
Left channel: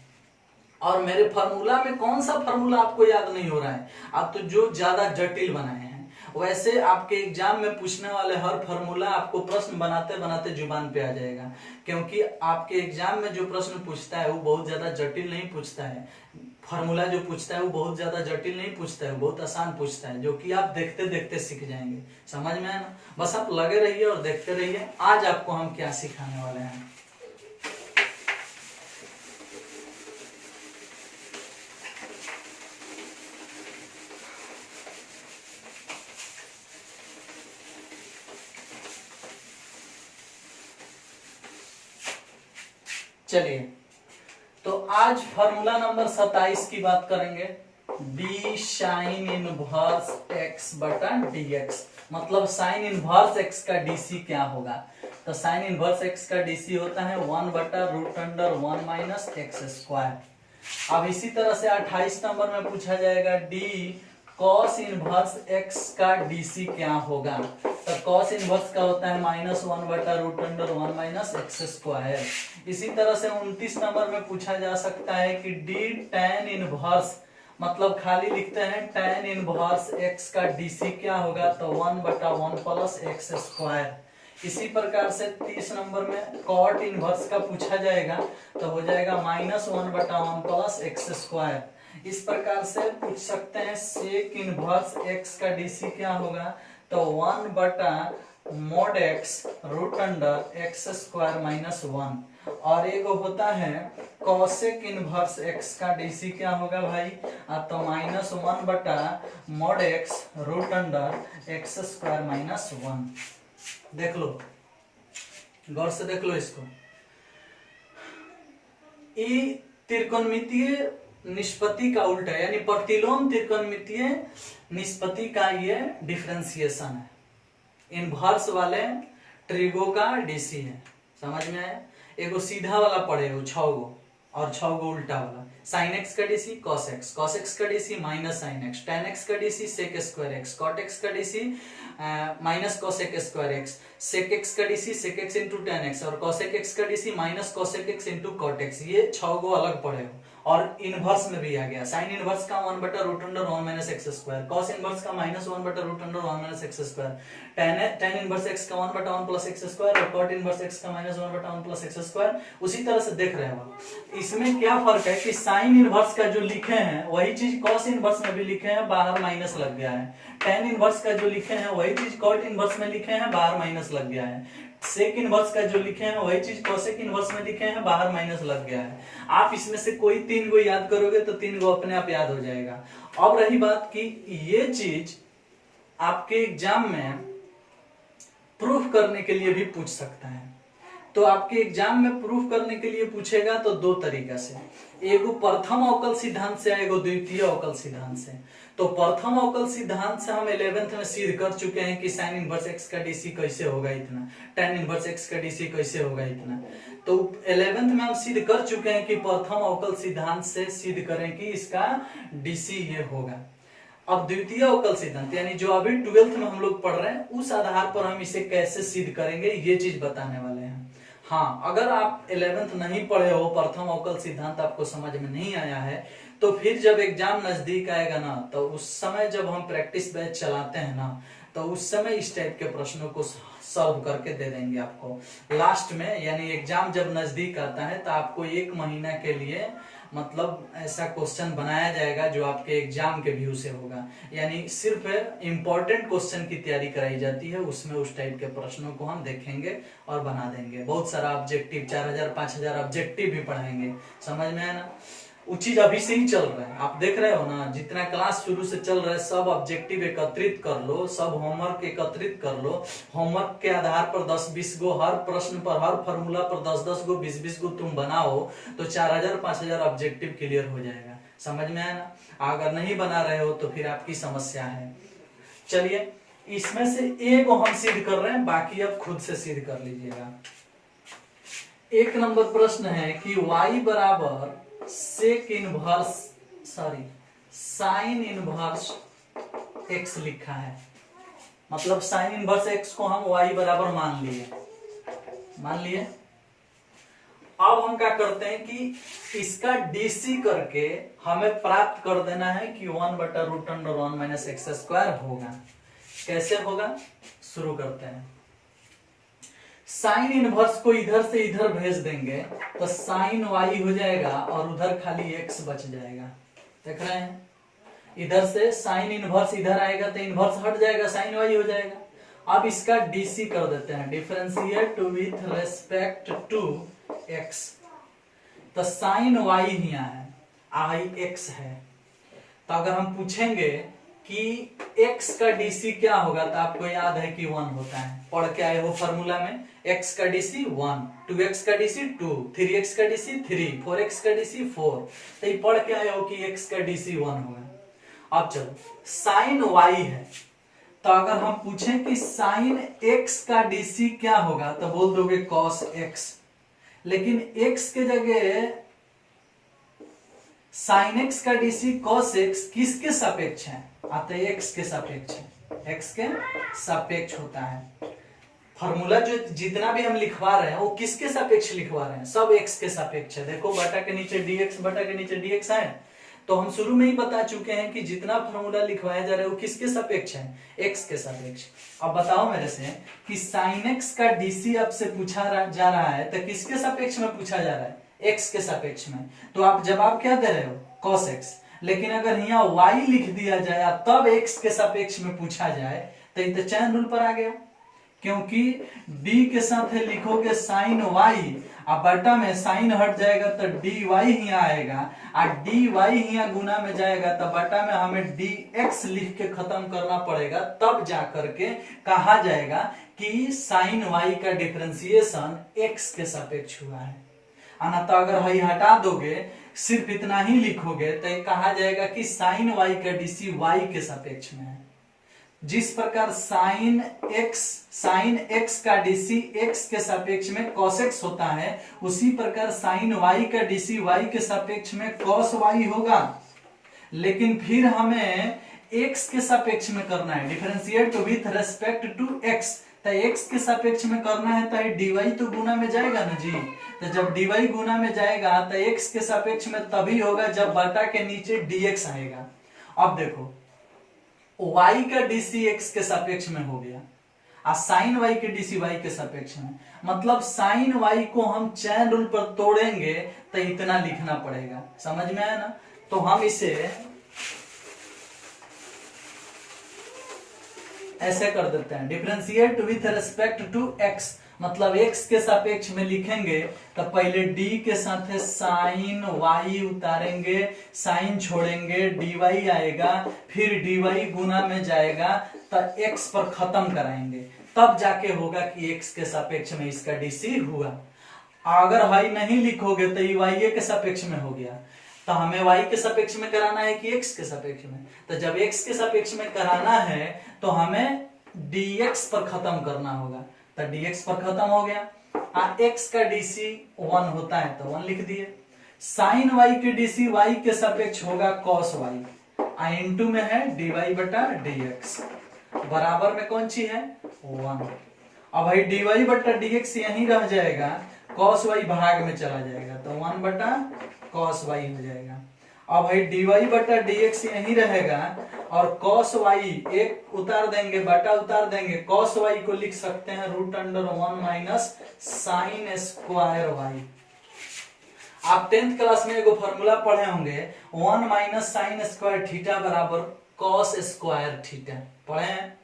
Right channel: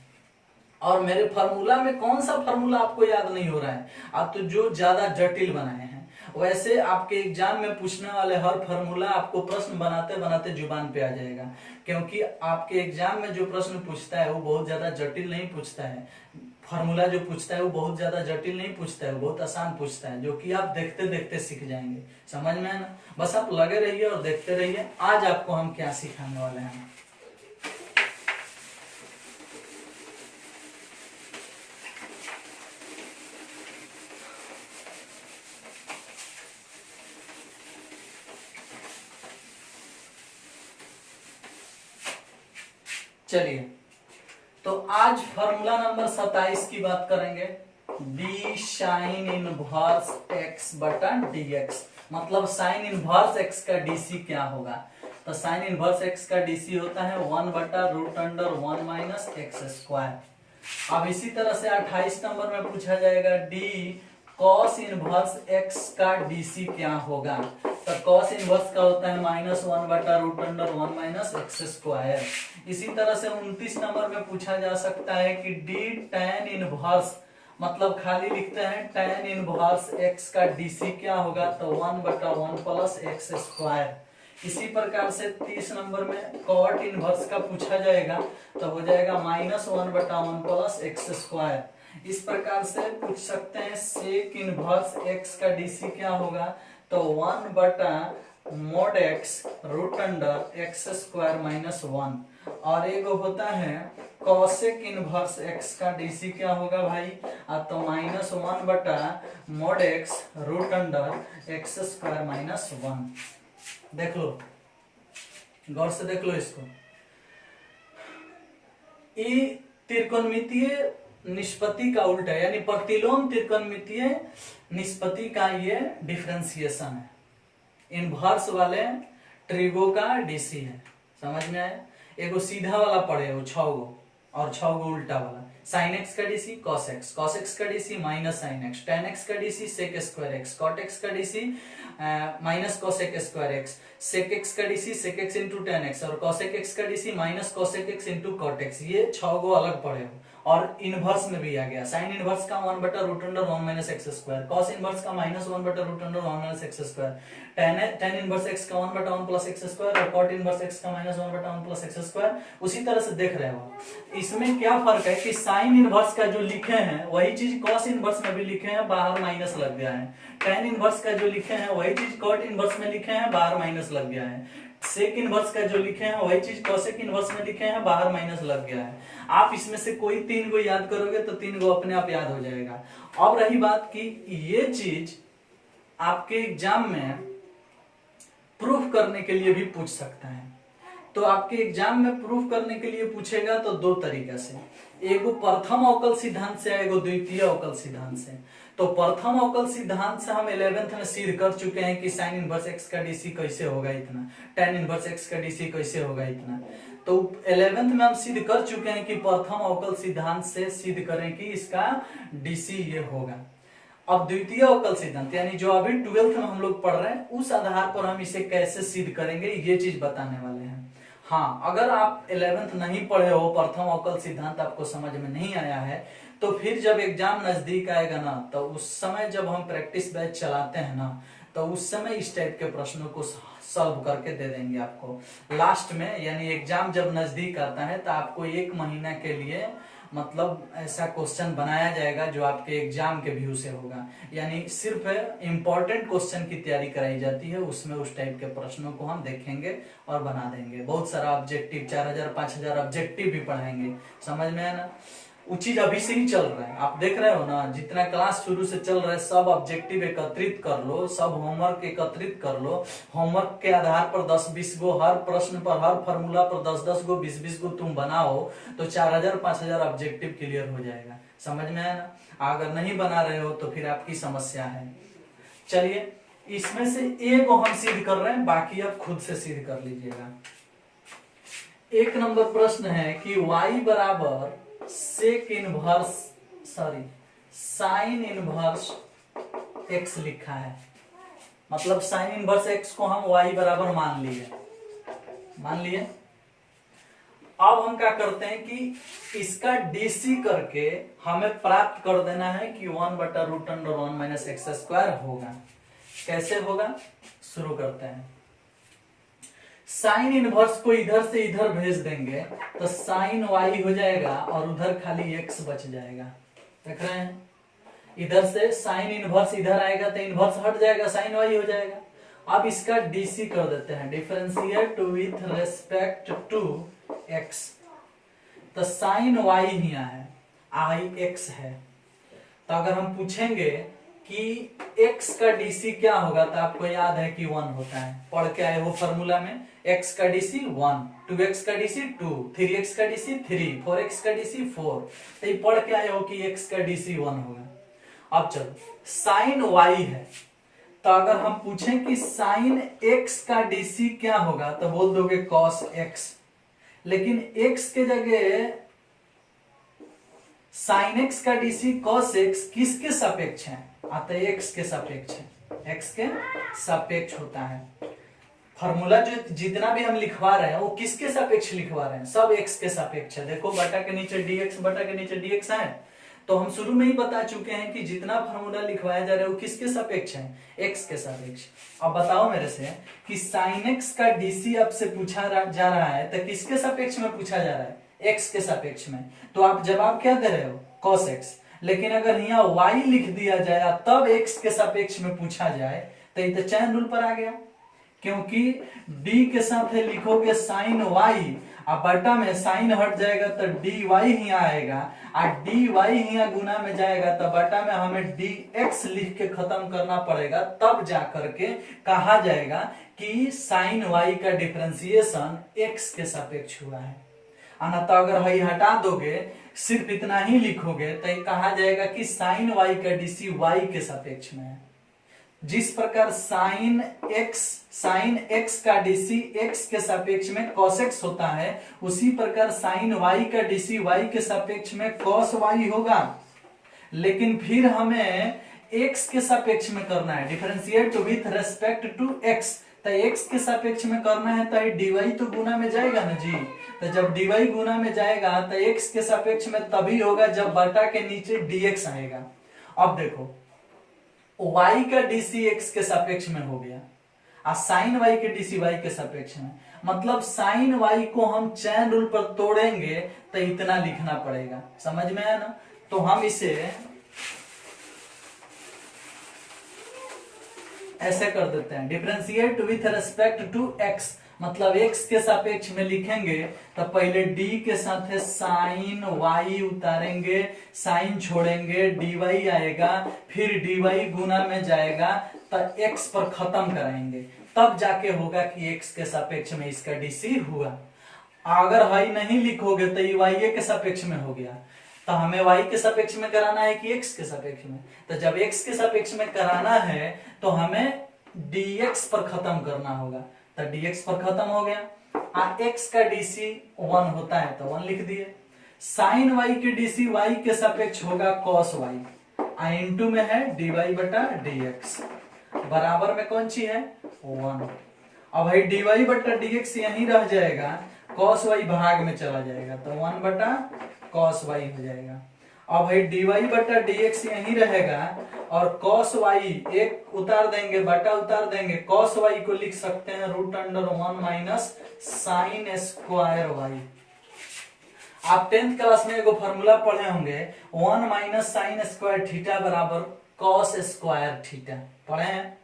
और मेरे फार्मूला में कौन सा फार्मूला आपको याद नहीं हो रहा है, आप तो जो ज्यादा जटिल बनाए हैं, वैसे आपके एग्जाम में पूछने वाले हर फार्मूला आपको प्रश्न बनाते बनाते जुबान पे आ जाएगा। क्योंकि आपके एग्जाम में जो प्रश्न पूछता है वो बहुत ज्यादा जटिल नहीं पूछता है, फार्मूला जो पूछता है वो बहुत ज्यादा जटिल नहीं पूछता है, वो बहुत आसान पूछता है, जो कि आप देखते देखते सीख जाएंगे, समझ में आना। बस आप लगे रहिए और देखते रहिए। आज आपको हम क्या सिखाने वाले हैं। चलिए तो आज फॉर्मूला नंबर 27 की बात करेंगे, डी साइन इनवर्स एक्स बटा dx, मतलब साइन इनवर्स एक्स का डीसी क्या होगा। तो साइन इनवर्स एक्स का डीसी होता है 1/√1 - x²। अब इसी तरह से 28 नंबर में पूछा जाएगा डी कॉस इनवर्स एक्स का डीसी क्या होगा। तो कॉस इनवर्स का होता है -1 बटा root under 1 minus x square. इसी तरह से 29 नंबर में पूछा जा सकता है कि डी tan इनवर्स, मतलब खाली लिखते हैं tan इनवर्स एक्स का डीसी क्या होगा, तो 1 बटा 1 प्लस एक्स स्क्वायर। इसी प्रकार से 30 नंबर में कॉट इनवर्स का पूछा जाएगा, तो हो जाएगा -1 बटा 1 प्लस एक्स स्क्वायर। इस प्रकार से पूछ सकते हैं सेक इनवर्स एक्स का डीसी क्या होगा, तो 1 बटा mod x root under x square minus 1। और एक होता है कॉसेक इनवर्स एक्स का डीसी क्या होगा भाई, तो -1 बटा mod x root under x square minus 1। देख लो, गौर से देख लो इसको। ये त्रिकोणमितीय निष्पत्ति का उल्टा है, यानी प्रतिलोम त्रिकोणमितीय निष्पत्ति का ये डिफरेंशिएशन है। इनवर्स वाले ट्रिगो का डीसी है, समझ में आया। एगो सीधा वाला पड़े हो 6 गो और 6 गो उल्टा वाला। साइन एक्स का डीसी कॉस एक्स का DC minus sine x, tan x का DC sec square x, cot x का DC minus cosec square x, sec x का DC sec x into tan x और cosec x का DC minus cosec x into cot x. ये 6 गो अलग पड़े हो। और इनवर्स में भी आ गया, साइन इनवर्स का 1 बटा root under 1 minus x square, cos inverse का -1 बटा root under 1 minus x square, tan inverse x का 1 बटा 1 प्लस एक्स स्क्वायर और कॉट इनवर्स एक्स का -1 बटा 1 प्लस एक्स स्क्वायर। उसी तरह से देख रहे हो। इसमें क्या फर्क है कि साइन इनवर्स का जो लिखे हैं वही चीज कॉस इनवर्स में भी लिखे हैं, बाहर माइनस लग गया है। टेन इनवर्स का जो लिखे हैं वही चीज कॉट इनवर्स में लिखे हैं, बाहर माइनस लग गया है। सेक इनवर्स का जो लिखे हैं वही चीज कॉसेक इनवर्स में लिखे हैं, बाहर माइनस लग गया है। आप इसमें से कोई 3 गो याद करोगे तो 3 गो अपने आप याद हो जाएगा। अब रही बात कि ये चीज आपके एग्जाम में प्रूफ करने के लिए भी पूछ सकता है। तो आपके एग्जाम में प्रूफ करने के लिए पूछेगा तो 2 तरीका से, एगो प्रथम अवकल सिद्धांत से, एगो द्वितीय अवकल सिद्धांत से। तो प्रथम अवकल सिद्धांत से हम 11th में सिद्ध कर चुके हैं कि साइन इनवर्स एक्स का डीसी कैसे होगा इतना, टेन इनवर्स एक्स का डीसी कैसे होगा इतना। तो 11th में हम सिद्ध कर चुके हैं कि प्रथम अवकल सिद्धांत से सिद्ध करें कि इसका डीसी ये होगा। अब द्वितीय अवकल सिद्धांत यानी जो अभी 12th में हम लोग पढ़ रहे हैं, उस आधार पर हम इसे कैसे सिद्ध करेंगे ये चीज बताने वाले हैं। हाँ, अगर आप 11th नहीं पढ़े हो, प्रथम अवकल सिद्धांत आपको समझ में नहीं आया है, तो फिर जब एग्जाम नजदीक आएगा ना, तो उस समय जब हम प्रैक्टिस बैच चलाते हैं ना, तो उस समय इस टाइप के प्रश्नों को सॉल्व करके दे देंगे आपको लास्ट में। यानी एग्जाम जब नजदीक आता है तो आपको 1 महीना के लिए मतलब ऐसा क्वेश्चन बनाया जाएगा जो आपके एग्जाम के व्यू से होगा। यानी सिर्फ इंपॉर्टेंट क्वेश्चन की तैयारी कराई जाती है, उसमें उस टाइप के प्रश्नों को हम देखेंगे और बना देंगे। बहुत सारा ऑब्जेक्टिव, 4000 5000 ऑब्जेक्टिव भी पढ़ाएंगे, समझ में आया ना। वो चीज अभी से ही चल रहा है, आप देख रहे हो ना, जितना क्लास शुरू से चल रहा है सब ऑब्जेक्टिव एकत्रित कर लो, सब होमवर्क एकत्रित कर लो। होमवर्क के आधार पर 10-20 गो, हर प्रश्न पर, हर फॉर्मूला पर 10-10 गो, 20-20 गो तुम बनाओ तो 4000 5000 ऑब्जेक्टिव क्लियर हो जाएगा, समझ में आया ना। अगर नहीं बना रहे हो तो फिर आपकी समस्या है। चलिए, इसमें से एक हम सिद्ध कर रहे हैं, बाकी आप खुद से सिद्ध कर लीजिएगा। 1 नंबर प्रश्न है कि y बराबर sec inverse sine inverse x लिखा है, मतलब साइन इनवर्स एक्स को हम y बराबर मान लिए। अब हम क्या करते हैं कि इसका डीसी करके हमें प्राप्त कर देना है कि 1 बटा root under 1 minus x square होगा। कैसे होगा, शुरू करते हैं। साइन इनवर्स को इधर से इधर भेज देंगे तो साइन वाई हो जाएगा और उधर खाली एक्स बच जाएगा। देख रहे हैं, इधर से साइन इनवर्स इधर आएगा तो इनवर्स हट जाएगा, साइन वाई हो जाएगा। अब इसका डीसी कर देते हैं, differentiate with respect to x. तो साइन वाई यहाँ है, आई एक्स है। तो अगर हम पूछेंगे कि x का डीसी क्या होगा, तो आपको याद है कि 1 होता है, पढ़ के आए वो फॉर्मूला में। x का डीसी 1, 2x का डीसी 2, 3x का डीसी 3, 4x का डीसी 4। तो ये पढ़ के आए हो कि x का डीसी 1 होगा। अब चलो, साइन y है, तो अगर हम पूछें कि साइन x का डीसी क्या होगा, तो बोल दोगे cos x। लेकिन x के जगह साइन एक्स का डीसी कॉस एक्स किसके सापेक्ष है? अतः एक्स के सापेक्ष है, एक्स के सापेक्ष होता है। फॉर्मूला जो जितना भी हम लिखवा रहे हैं वो किसके सापेक्ष लिखवा रहे हैं? सब एक्स के सापेक्ष है। देखो बटा के नीचे डीएक्स, बटा के नीचे डीएक्स है, तो हम शुरू में ही बता चुके हैं कि जितना फॉर्मूला लिखवाया जा रहा है वो किसके सापेक्ष है? एक्स के सापेक्ष। अब बताओ मेरे से कि साइन एक्स का डीसी आपसे पूछा जा रहा है तो किसके सापेक्ष में पूछा जा रहा है? एक्स के सापेक्ष में। तो आप जवाब क्या दे रहे हो? Cos x. लेकिन अगर यहाँ y लिख दिया जाए तब x के सापेक्ष में पूछा जाए तो ये तो चैन रूल पर आ गया, क्योंकि d के साथ है लिखोगे साइन y, अब बटा में साइन हट जाएगा तो dy ही आएगा, और dy ही गुना में जाएगा तो बटा में हमें dx लिख के खत्म करना पड़ेगा, तब जा करके कहा जाएगा कि साइन y का डिफरेंशिएशन x के सापेक्ष हुआ है। तो अगर वही हटा दोगे, सिर्फ इतना ही लिखोगे तो ये कहा जाएगा कि साइन y का डीसी y के सापेक्ष में है। जिस प्रकार साइन x का डीसी x के सापेक्ष में cos x होता है, उसी प्रकार साइन y का डीसी y के सापेक्ष में cos y होगा। लेकिन फिर हमें x के सापेक्ष में करना है, differentiate with respect to x। तो x के सापेक्ष में करना है तो dy तो गुना में जाएगा ना जी। तो जब dy गुना में जाएगा तो x के सापेक्ष में तभी होगा जब बटा के नीचे dx आएगा। अब देखो y का डीसी x के सापेक्ष में हो गया और साइन y के डीसी y के सापेक्ष में, मतलब साइन y को हम चैन रूल पर तोड़ेंगे तो इतना लिखना पड़ेगा। समझ में आया ना? तो हम इसे ऐसे कर देते हैं, differentiate with respect to x, मतलब x के सापेक्ष में लिखेंगे तो पहले d के साथ साइन y उतारेंगे, साइन छोड़ेंगे, dy आएगा, फिर dy गुना में जाएगा तो x पर खत्म कराएंगे, तब जाके होगा कि x के सापेक्ष में इसका डीसी हुआ। अगर y नहीं लिखोगे तो ये y के सापेक्ष में हो गया, तो हमें y के सापेक्ष में कराना है कि x के सापेक्ष में। तो जब x के सापेक्ष में कराना है तो हमें dx पर खत्म करना होगा, तो dx पर खत्म हो गया। x का डीसी 1 होता है तो 1 लिख दिए। साइन y के डीसी y के सापेक्ष होगा cos y, इनटू में है dy बटा dx, बराबर में कौन सी है? 1। अब भाई dy बटा dx यहीं रह जाएगा, cos y भाग में चला जाएगा तो 1 बटा cos y हो जाएगा। अब भाई dy बटा dx यहीं रहेगा और cos y एक उतार देंगे, बटा उतार देंगे, cos y को लिख सकते हैं √1 माइनस साइन स्क्वायर y। आप 10th क्लास में एगो फॉर्मूला पढ़े होंगे, 1 माइनस साइन स्क्वायर थीटा बराबर cos स्क्वायर थीटा, पढ़े हैं?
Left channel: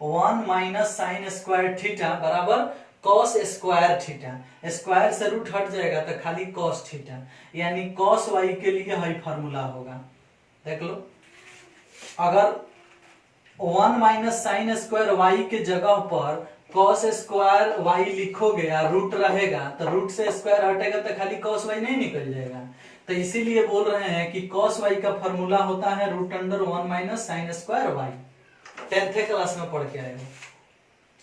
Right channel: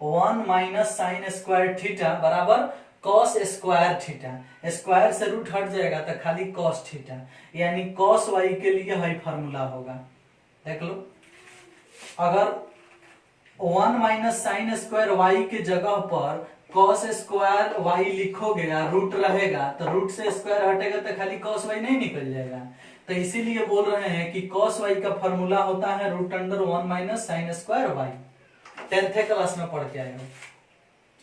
1 माइनस साइन स्क्वायर थीटा बराबर cos स्क्वायर थीटा, स्क्वायर से रूट हट जाएगा तो खाली cos थीटा, यानी cos y के लिए है फॉर्मूला होगा। देख लो, अगर 1 माइनस साइन स्क्वायर y के जगह पर cos स्क्वायर y लिखोगे या रूट रहेगा तो रूट से स्क्वायर हटेगा तो खाली cos y नहीं निकल जाएगा। तो इसीलिए बोल रहे हैं कि cos y का फॉर्मूला होता है √1 minus sine square y। 10th class में पढ़ के आए हो।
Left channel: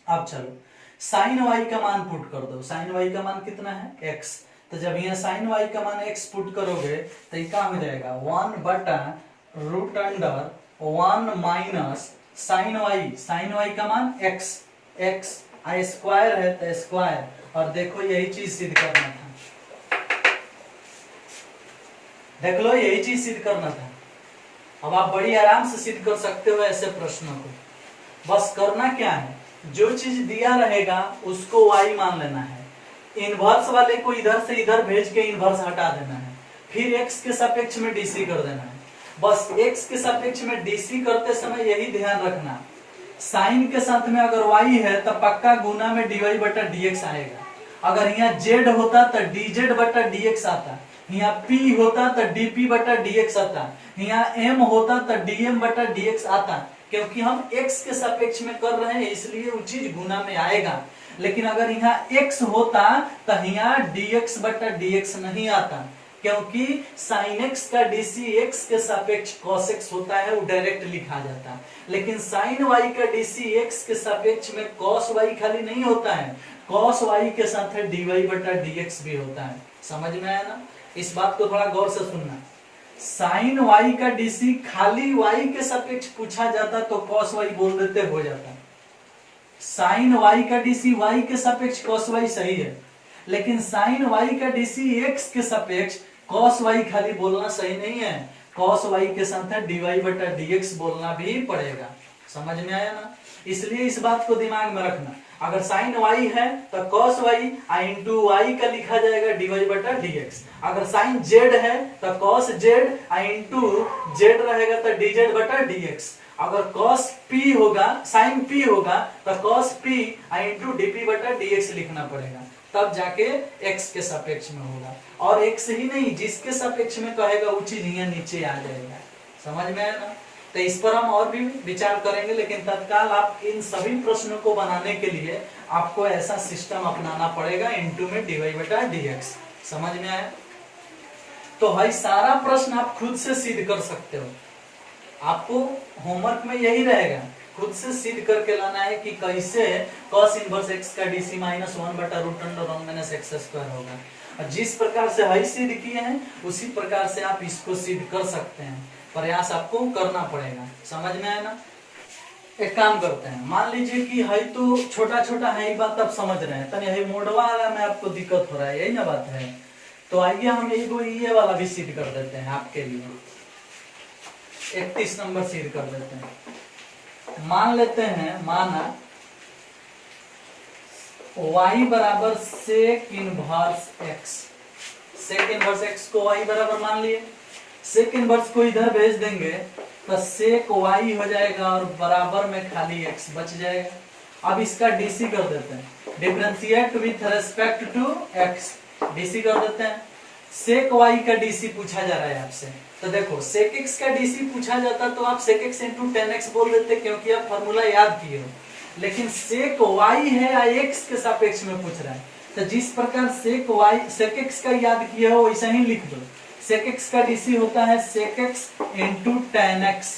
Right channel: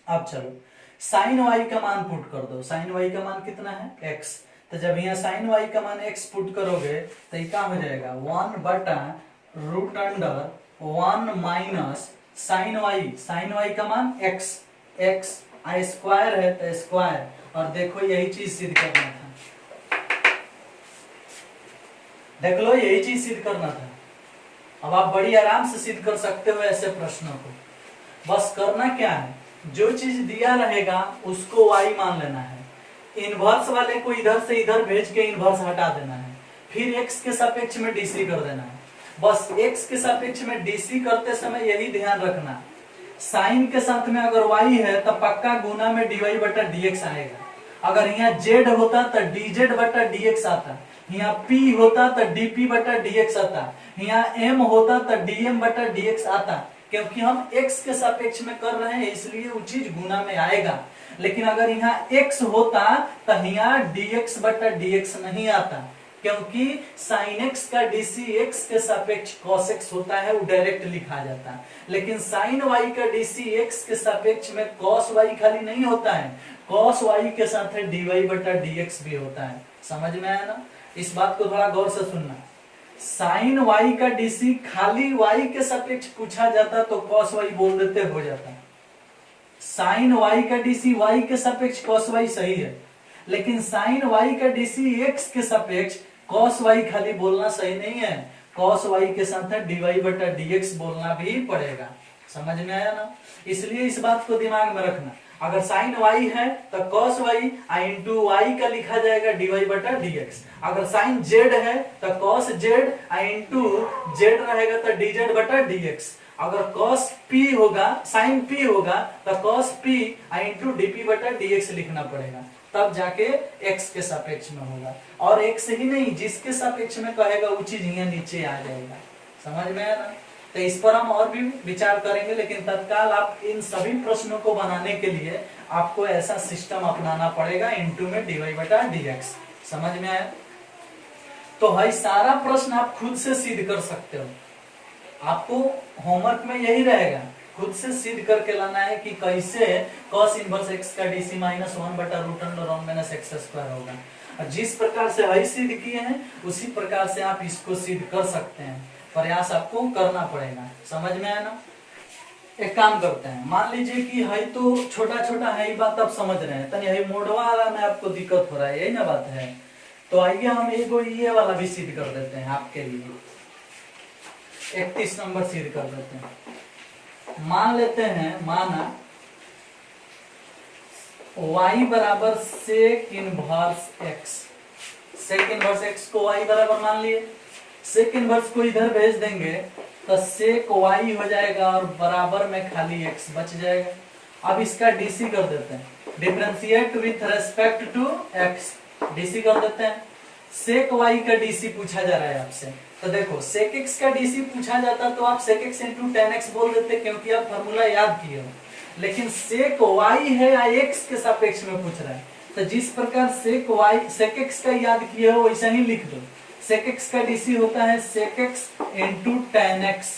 अब चलो साइन y का मान पुट कर दो। साइन y का मान कितना है? x। तो जब यहाँ साइन y का मान x पुट करोगे तो ये क्या हो जाएगा? 1 बटा √1 माइनस साइन y का मान x, x स्क्वायर है तो स्क्वायर, और देखो यही चीज सिद्ध करना था। देख लो यही चीज सिद्ध करना था। अब आप बड़ी आराम से सिद्ध कर सकते हो ऐसे प्रश्नों को। बस करना क्या है, जो चीज दिया रहेगा उसको y मान लेना है, इनवर्स वाले को इधर से इधर भेज के इनवर्स हटा देना है, फिर x के सापेक्ष में डीसी कर देना है। बस x के सापेक्ष में डीसी करते समय यही ध्यान रखना, साइन के साथ में अगर y है तो पक्का गुना में dy बटा dx आएगा। अगर यहाँ z होता तो dz बटा dx आता, यहाँ p होता तो dp बटा dx आता, यहाँ m होता तो dm बटा dx आता, क्योंकि हम x के सापेक्ष में कर रहे हैं इसलिए वो चीज गुना में आएगा। लेकिन अगर यहाँ x होता तो यहाँ dx बटा dx नहीं आता, क्योंकि sin x का dc x के सापेक्ष cos x होता है, वो डायरेक्ट लिखा जाता है। लेकिन sin y का dc x के सापेक्ष में cos y खाली नहीं होता है, cos y के साथ dy बटा dx भी होता है। समझ में आया ना? इस बात को थोड़ा गौर से सुनना। साइन वाई का डीसी खाली वाई के सापेक्ष पूछा जाता तो कॉस वाई बोल देते हो जाता। साइन वाई का डीसी वाई के सापेक्ष कॉस वाई सही है, लेकिन साइन वाई का डीसी एक्स के सापेक्ष कॉस वाई खाली बोलना सही नहीं है, कॉस वाई के साथ है डीवाई बटा डीएक्स बोलना भी पड़ेगा। समझ में आया ना? इसलिए इस बात को दिमाग में रखना, अगर साइन वाई है तो कॉस वाई इंटू वाई का लिखा जाएगा डीवाई बटा डीएक्स। अगर साइन जेड है तो कॉस जेड इंटू जेड रहेगा तो डीजेड बटा डीएक्स। अगर कॉस पी होगा, साइन पी होगा तो कॉस पी इंटू डीपी बटा डीएक्स लिखना पड़ेगा, तब जाके एक्स के सापेक्ष में होगा। और एक्स ही नहीं, जिसके सापेक्ष में कहेगा वो चीज यहाँ नीचे आ जाएगा। समझ में आया ना? तो इस पर हम और भी विचार करेंगे, लेकिन तत्काल आप इन सभी प्रश्नों को बनाने के लिए आपको ऐसा सिस्टम अपनाना पड़ेगा, इनटू में डीवाई बटा डीएक्स। समझ में आया? तो भाई सारा प्रश्न आप खुद से सिद्ध कर सकते हो, आपको होमवर्क में यही रहेगा, खुद से सिद्ध करके लाना है कि कैसे cos इनवर्स x का डीसी माइनस 1 बटा root under 1 minus x square होगा। और जिस प्रकार से हई सिद्ध किए हैं उसी प्रकार से आप इसको सिद्ध कर सकते हैं, प्रयास आपको करना पड़ेगा। समझ में आया ना? एक काम करते हैं, मान लीजिए कि हई तो छोटा छोटा है, ये बात आप समझ रहे हैं, तो यही मोड़वा वाला में आपको दिक्कत हो रहा है, यही ना बात है। तो आइए हम ये वाला भी सिद्ध कर देते हैं आपके लिए, 31 नंबर सिद्ध कर देते हैं। मान लेते हैं, माना y बराबर sec inverse x, sec inverse x को y बराबर मान लिए, सेक इनवर्स को इधर भेज देंगे तो सेक y हो जाएगा और बराबर में खाली x बच जाएगा। अब इसका डीसी कर देते हैं, differentiate with respect to x, DC कर देते हैं। सेक y का डीसी पूछा जा रहा है आपसे, तो देखो सेक x का डीसी पूछा जाता तो आप सेक x इंटू टेन एक्स बोल देते, क्योंकि आप फॉर्मूला याद किए हो। लेकिन सेक y है या x के सापेक्ष में पूछ रहा है, तो जिस प्रकार सेक x का याद किए हो वैसा ही लिख दो। सेक x का डीसी होता है सेक x इंटू टेन एक्स,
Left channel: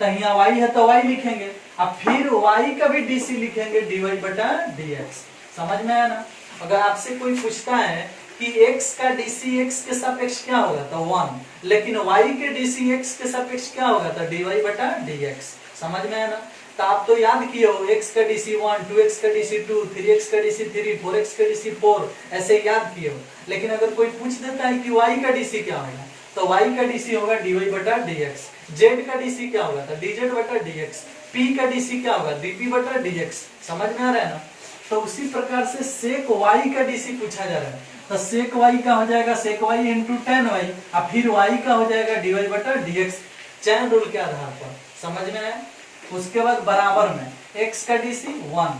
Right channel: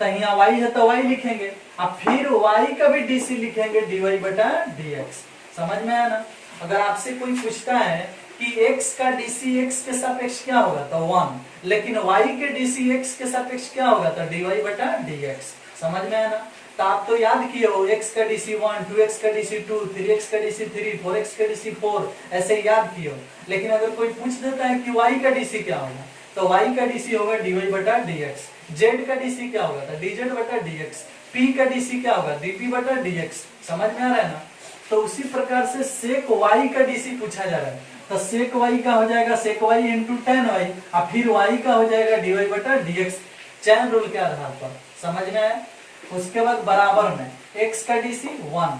तो यहाँ y है तो y लिखेंगे, अब फिर y का भी डीसी लिखेंगे डीवाई बटा डीएक्स। समझ में आया ना? अगर आपसे कोई पूछता है कि x का डीसी x के सापेक्ष क्या होगा तो 1, लेकिन y के डीसी x के सापेक्ष क्या होगा तो dy बटा dx। समझ में आया ना? तो आप तो याद किए हो, x का डीसी 1, 2x का डीसी 2, 3x का डीसी 3, 4x का डीसी 4, ऐसे याद किए हो। लेकिन अगर कोई पूछ देता है कि y का डीसी क्या होगा तो y का डीसी होगा dy बटा dx, z का डीसी क्या होगा तो dz बटा dx, p का डीसी क्या होगा dp बटा dx। समझ में आ रहा है ना? तो उसी प्रकार से सेक y का डीसी पूछा जा रहा है, तो सेक y का हो जाएगा सेक y इंटू टेन वाई, और फिर y का हो जाएगा dy बटा dx, चैन रूल के आधार पर। समझ में आया? उसके बाद बराबर में x का डीसी 1,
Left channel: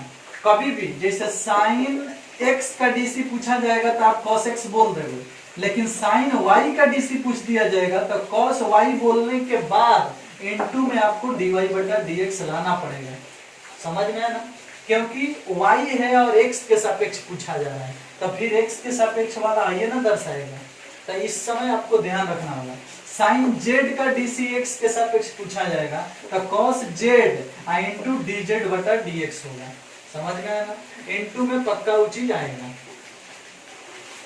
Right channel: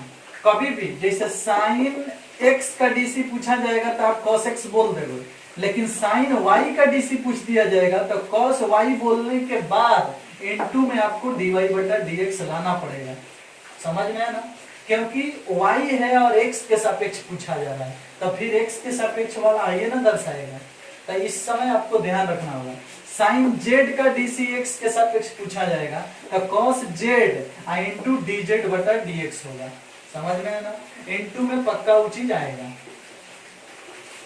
कभी भी जैसे साइन x का डीसी पूछा जाएगा तो आप cos x बोल देंगे, लेकिन साइन y का डीसी पूछ दिया जाएगा तो cos y बोलने के बाद इनटू में आपको dy बटा dx लाना पड़ेगा। समझ में आया ना? क्योंकि y है और x के सापेक्ष पूछा जा रहा है, तो फिर x के सापेक्ष वाला ये ना दर्शाएगा। तो इस समय आपको ध्यान रखना होगा, साइन z का डीसी x के सापेक्ष पूछा जाएगा तो cos z इंटू dz बटा dx होगा। समझ में आया ना? इंटू में पक्का वो चीज आएगा।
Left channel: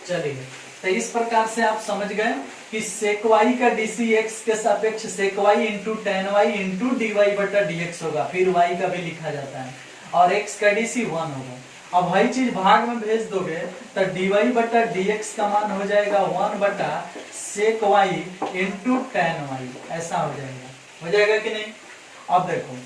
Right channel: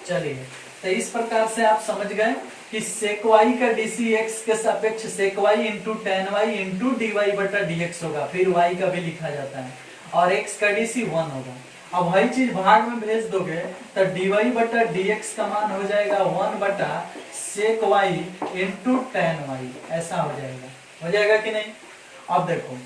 चलिए, तो इस प्रकार से आप समझ गए कि सेक y का डीसी x के सापेक्ष sec y into tan y into dy बटा dx होगा, फिर y का भी लिखा जाता है, और x का डीसी 1 होगा। अब वही चीज भाग में भेज दोगे तो dy बटा dx का मान हो जाएगा 1 बटा सेक y इंटू टेन वाई, ऐसा हो जाएगा कि नहीं? अब देखो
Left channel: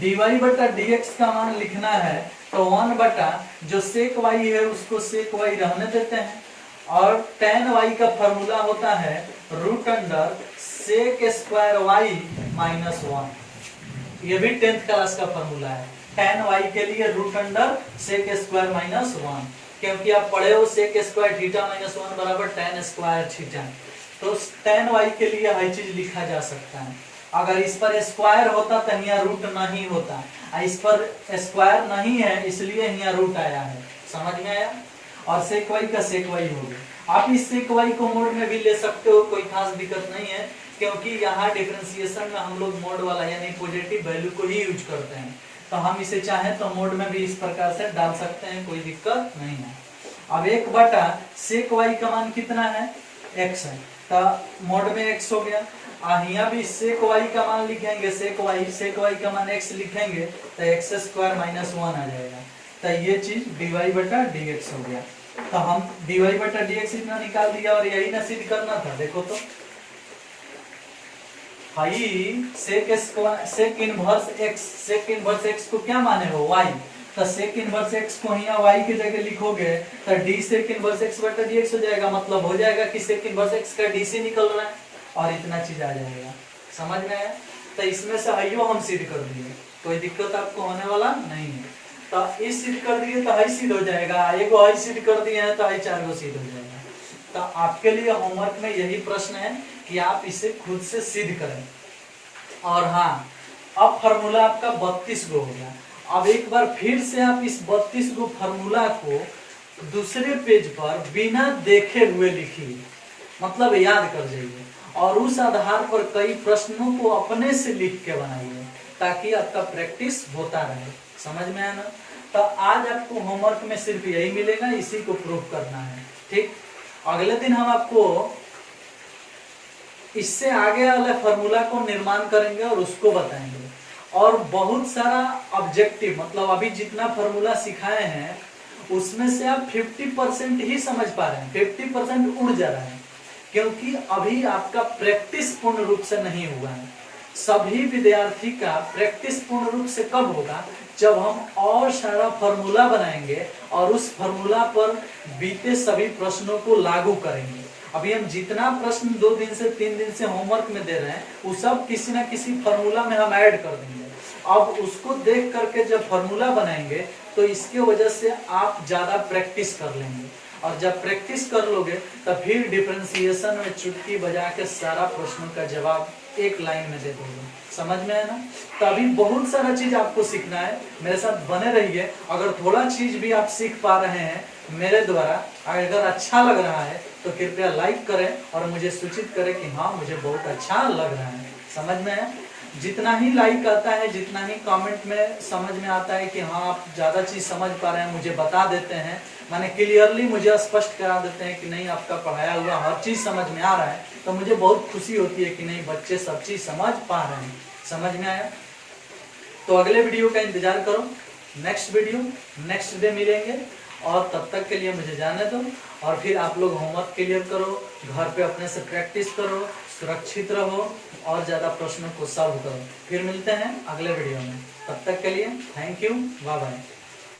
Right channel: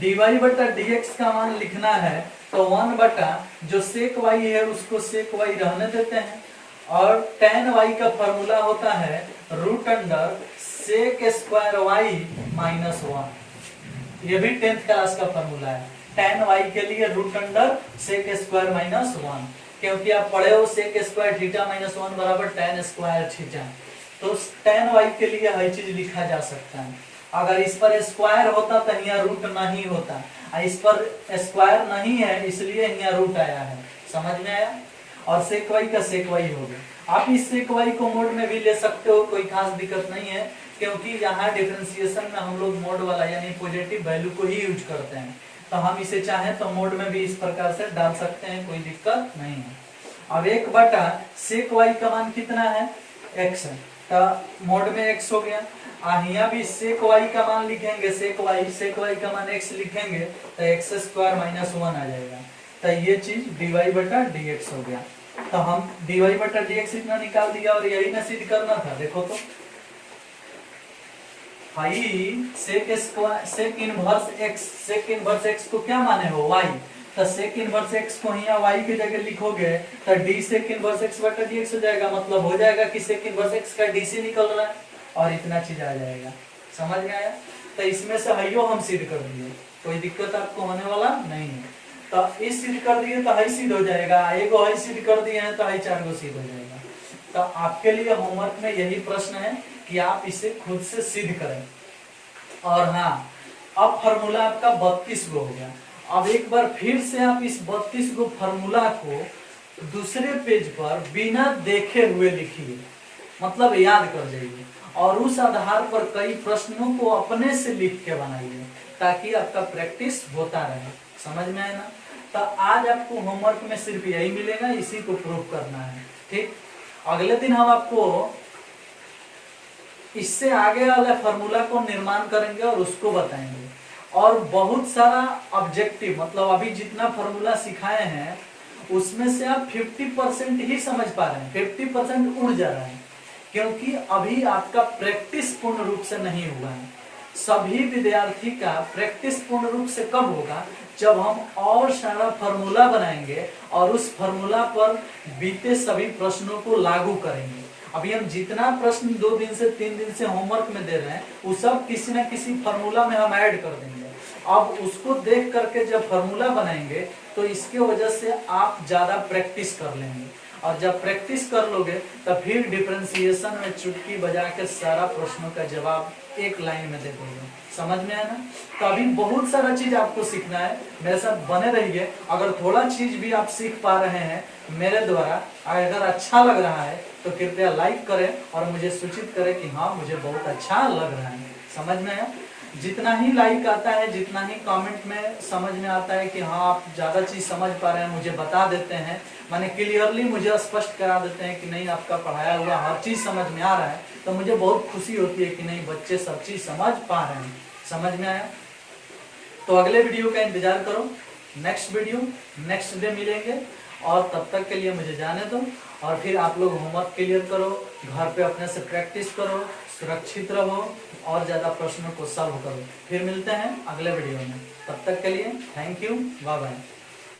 dy बटा dx का मान लिखना है तो 1 बटा जो सेक y है उसको सेक y रहने देते हैं, और टेन y का फॉर्मूला होता है root under sec square y minus 1। ये भी 10th क्लास का फॉर्मूला है, टेन y के लिए root under sec square minus 1, क्योंकि आप पढ़े हो सेक स्क्वायर थीटा माइनस 1 बराबर टेन स्क्वायर थीटा, तो टेन y के लिए हर चीज लिखा जा सकता है। अगर इस पर स्क्वायर होता तो यहाँ रूट नहीं होता, इस पर स्क्वायर नहीं है इसलिए यहाँ रूट आया है। समझ में आया? और सेक y का सेक y हो गया। आप इस सेक y को मोड में भी ले सकते हो, कोई खास दिक्कत नहीं है, क्योंकि यहाँ डिफरेंशिएशन में हम लोग मोड वाला यानी पॉजिटिव वैल्यू को ही यूज करते हैं, तो हम इसे चाहें तो मोड में भी इस प्रकार से डाल सकते हैं, कोई दिक्कत नहीं है। अब 1 बटा सेक y का मान कितना है? x है, तो मोड में x हो गया। यहाँ भी sec y का मान लिखेंगे, sec y का मान x लिखेंगे तो x स्क्वायर माइनस 1 आ जाएगा। तो ये चीज dy बटा dx हो गया। तो हम dy बटा dx इतना निकाल दिया और यही ना सिद्ध करना था। देखो तो भाई sec इनवर्स x को क्या माने हो y, तो sec इनवर्स x को यहाँ y की जगह लिखोगे तो d sec इनवर्स x बटा dx हो जाएगा। मतलब हो जाएगा कि sec इनवर्स x का dc निकल रहा है और इतना चीज आ जाएगा। समझ में आया? तो इसमें से हइयो हम सिद्ध कर दिए, कोई दिक्कत आपको होने वाला नहीं है। तो इस सिद्ध कर दिए तो हई सिद्ध हो जाएगा, एगो हई सिद्ध कर दिए हैं तो हई 4 गो सिद्ध हो जाएगा। तो आपके लिए होमवर्क में यही प्रश्न है कि आप इसे खुद से सिद्ध करें। और हाँ, अब फार्मूला आपका 32 गो हो गया। अब एक बार फिर से आप इस 32 गो फार्मूला को दूसरे पेज पर बिना देखे हुए लिखिए, मतलब याद कर जाइए और उस आधार पर कई प्रश्नों को अपने से लिख के बनाइए ताकि आपका प्रैक्टिस होता रहे। समझ में आया ना? तो आज आपको होमवर्क में सिर्फ यही मिलेगा, इसी को प्रूव करना है। ठीक, अगले दिन हम आपको इससे आगे वाले फार्मूला को निर्माण करेंगे और उसको बताएंगे। और बहुत सारा ऑब्जेक्टिव, मतलब अभी जितना फार्मूला सिखाए हैं उसमें से आप 50% ही समझ पा रहे हैं, 50% उड़ जा रहा है, क्योंकि अभी आपका प्रैक्टिस पूर्ण रूप से नहीं हुआ है। सभी विद्यार्थी का प्रैक्टिस पूर्ण रूप से कब होगा? जब हम और सारा फार्मूला बनाएंगे और उस फार्मूला पर बीते सभी प्रश्नों को लागू करेंगे। अभी हम जितना प्रश्न 2 दिन से 3 दिन से होमवर्क में दे रहे हैं वो सब किसी ना किसी फार्मूला में हम ऐड कर देंगे। अब उसको देख करके जब फार्मूला बनाएंगे तो इसके वजह से आप ज्यादा प्रैक्टिस कर लेंगे और जब प्रैक्टिस कर लोगे तो फिर डिफरेंशिएशन में चुटकी बजा के सारा प्रश्नों का जवाब एक लाइन में दे दोगे। समझ में है ना? तो अभी बहुत सारा चीज आपको सीखना है, मेरे साथ बने रहिए। अगर थोड़ा चीज भी आप सीख पा रहे हैं मेरे द्वारा, अगर अच्छा लग रहा है तो कृपया लाइक करें और मुझे सूचित करें कि हाँ मुझे बहुत अच्छा लग रहा है। समझ में है? जितना ही लाइक आता है, जितना ही कमेंट में समझ में आता है कि हाँ आप ज्यादा चीज समझ पा रहे हैं, मुझे बता देते हैं, माने क्लियरली मुझे स्पष्ट करा देते हैं कि नहीं आपका पढ़ाया हुआ हर चीज समझ में आ रहा है, तो मुझे बहुत खुशी होती है कि नहीं बच्चे सब चीज समझ पा रहे हैं। समझ में आया? तो अगले वीडियो का इंतजार करो, नेक्स्ट वीडियो नेक्स्ट डे मिलेंगे। और तब तक के लिए मुझे जाने दो और फिर आप लोग होमवर्क क्लियर करो, घर पे अपने से प्रैक्टिस करो, सुरक्षित रहो और ज्यादा प्रश्नों को सॉल्व करो। फिर मिलते हैं अगले वीडियो में, तब तक के लिए थैंक यू, बाय बाय।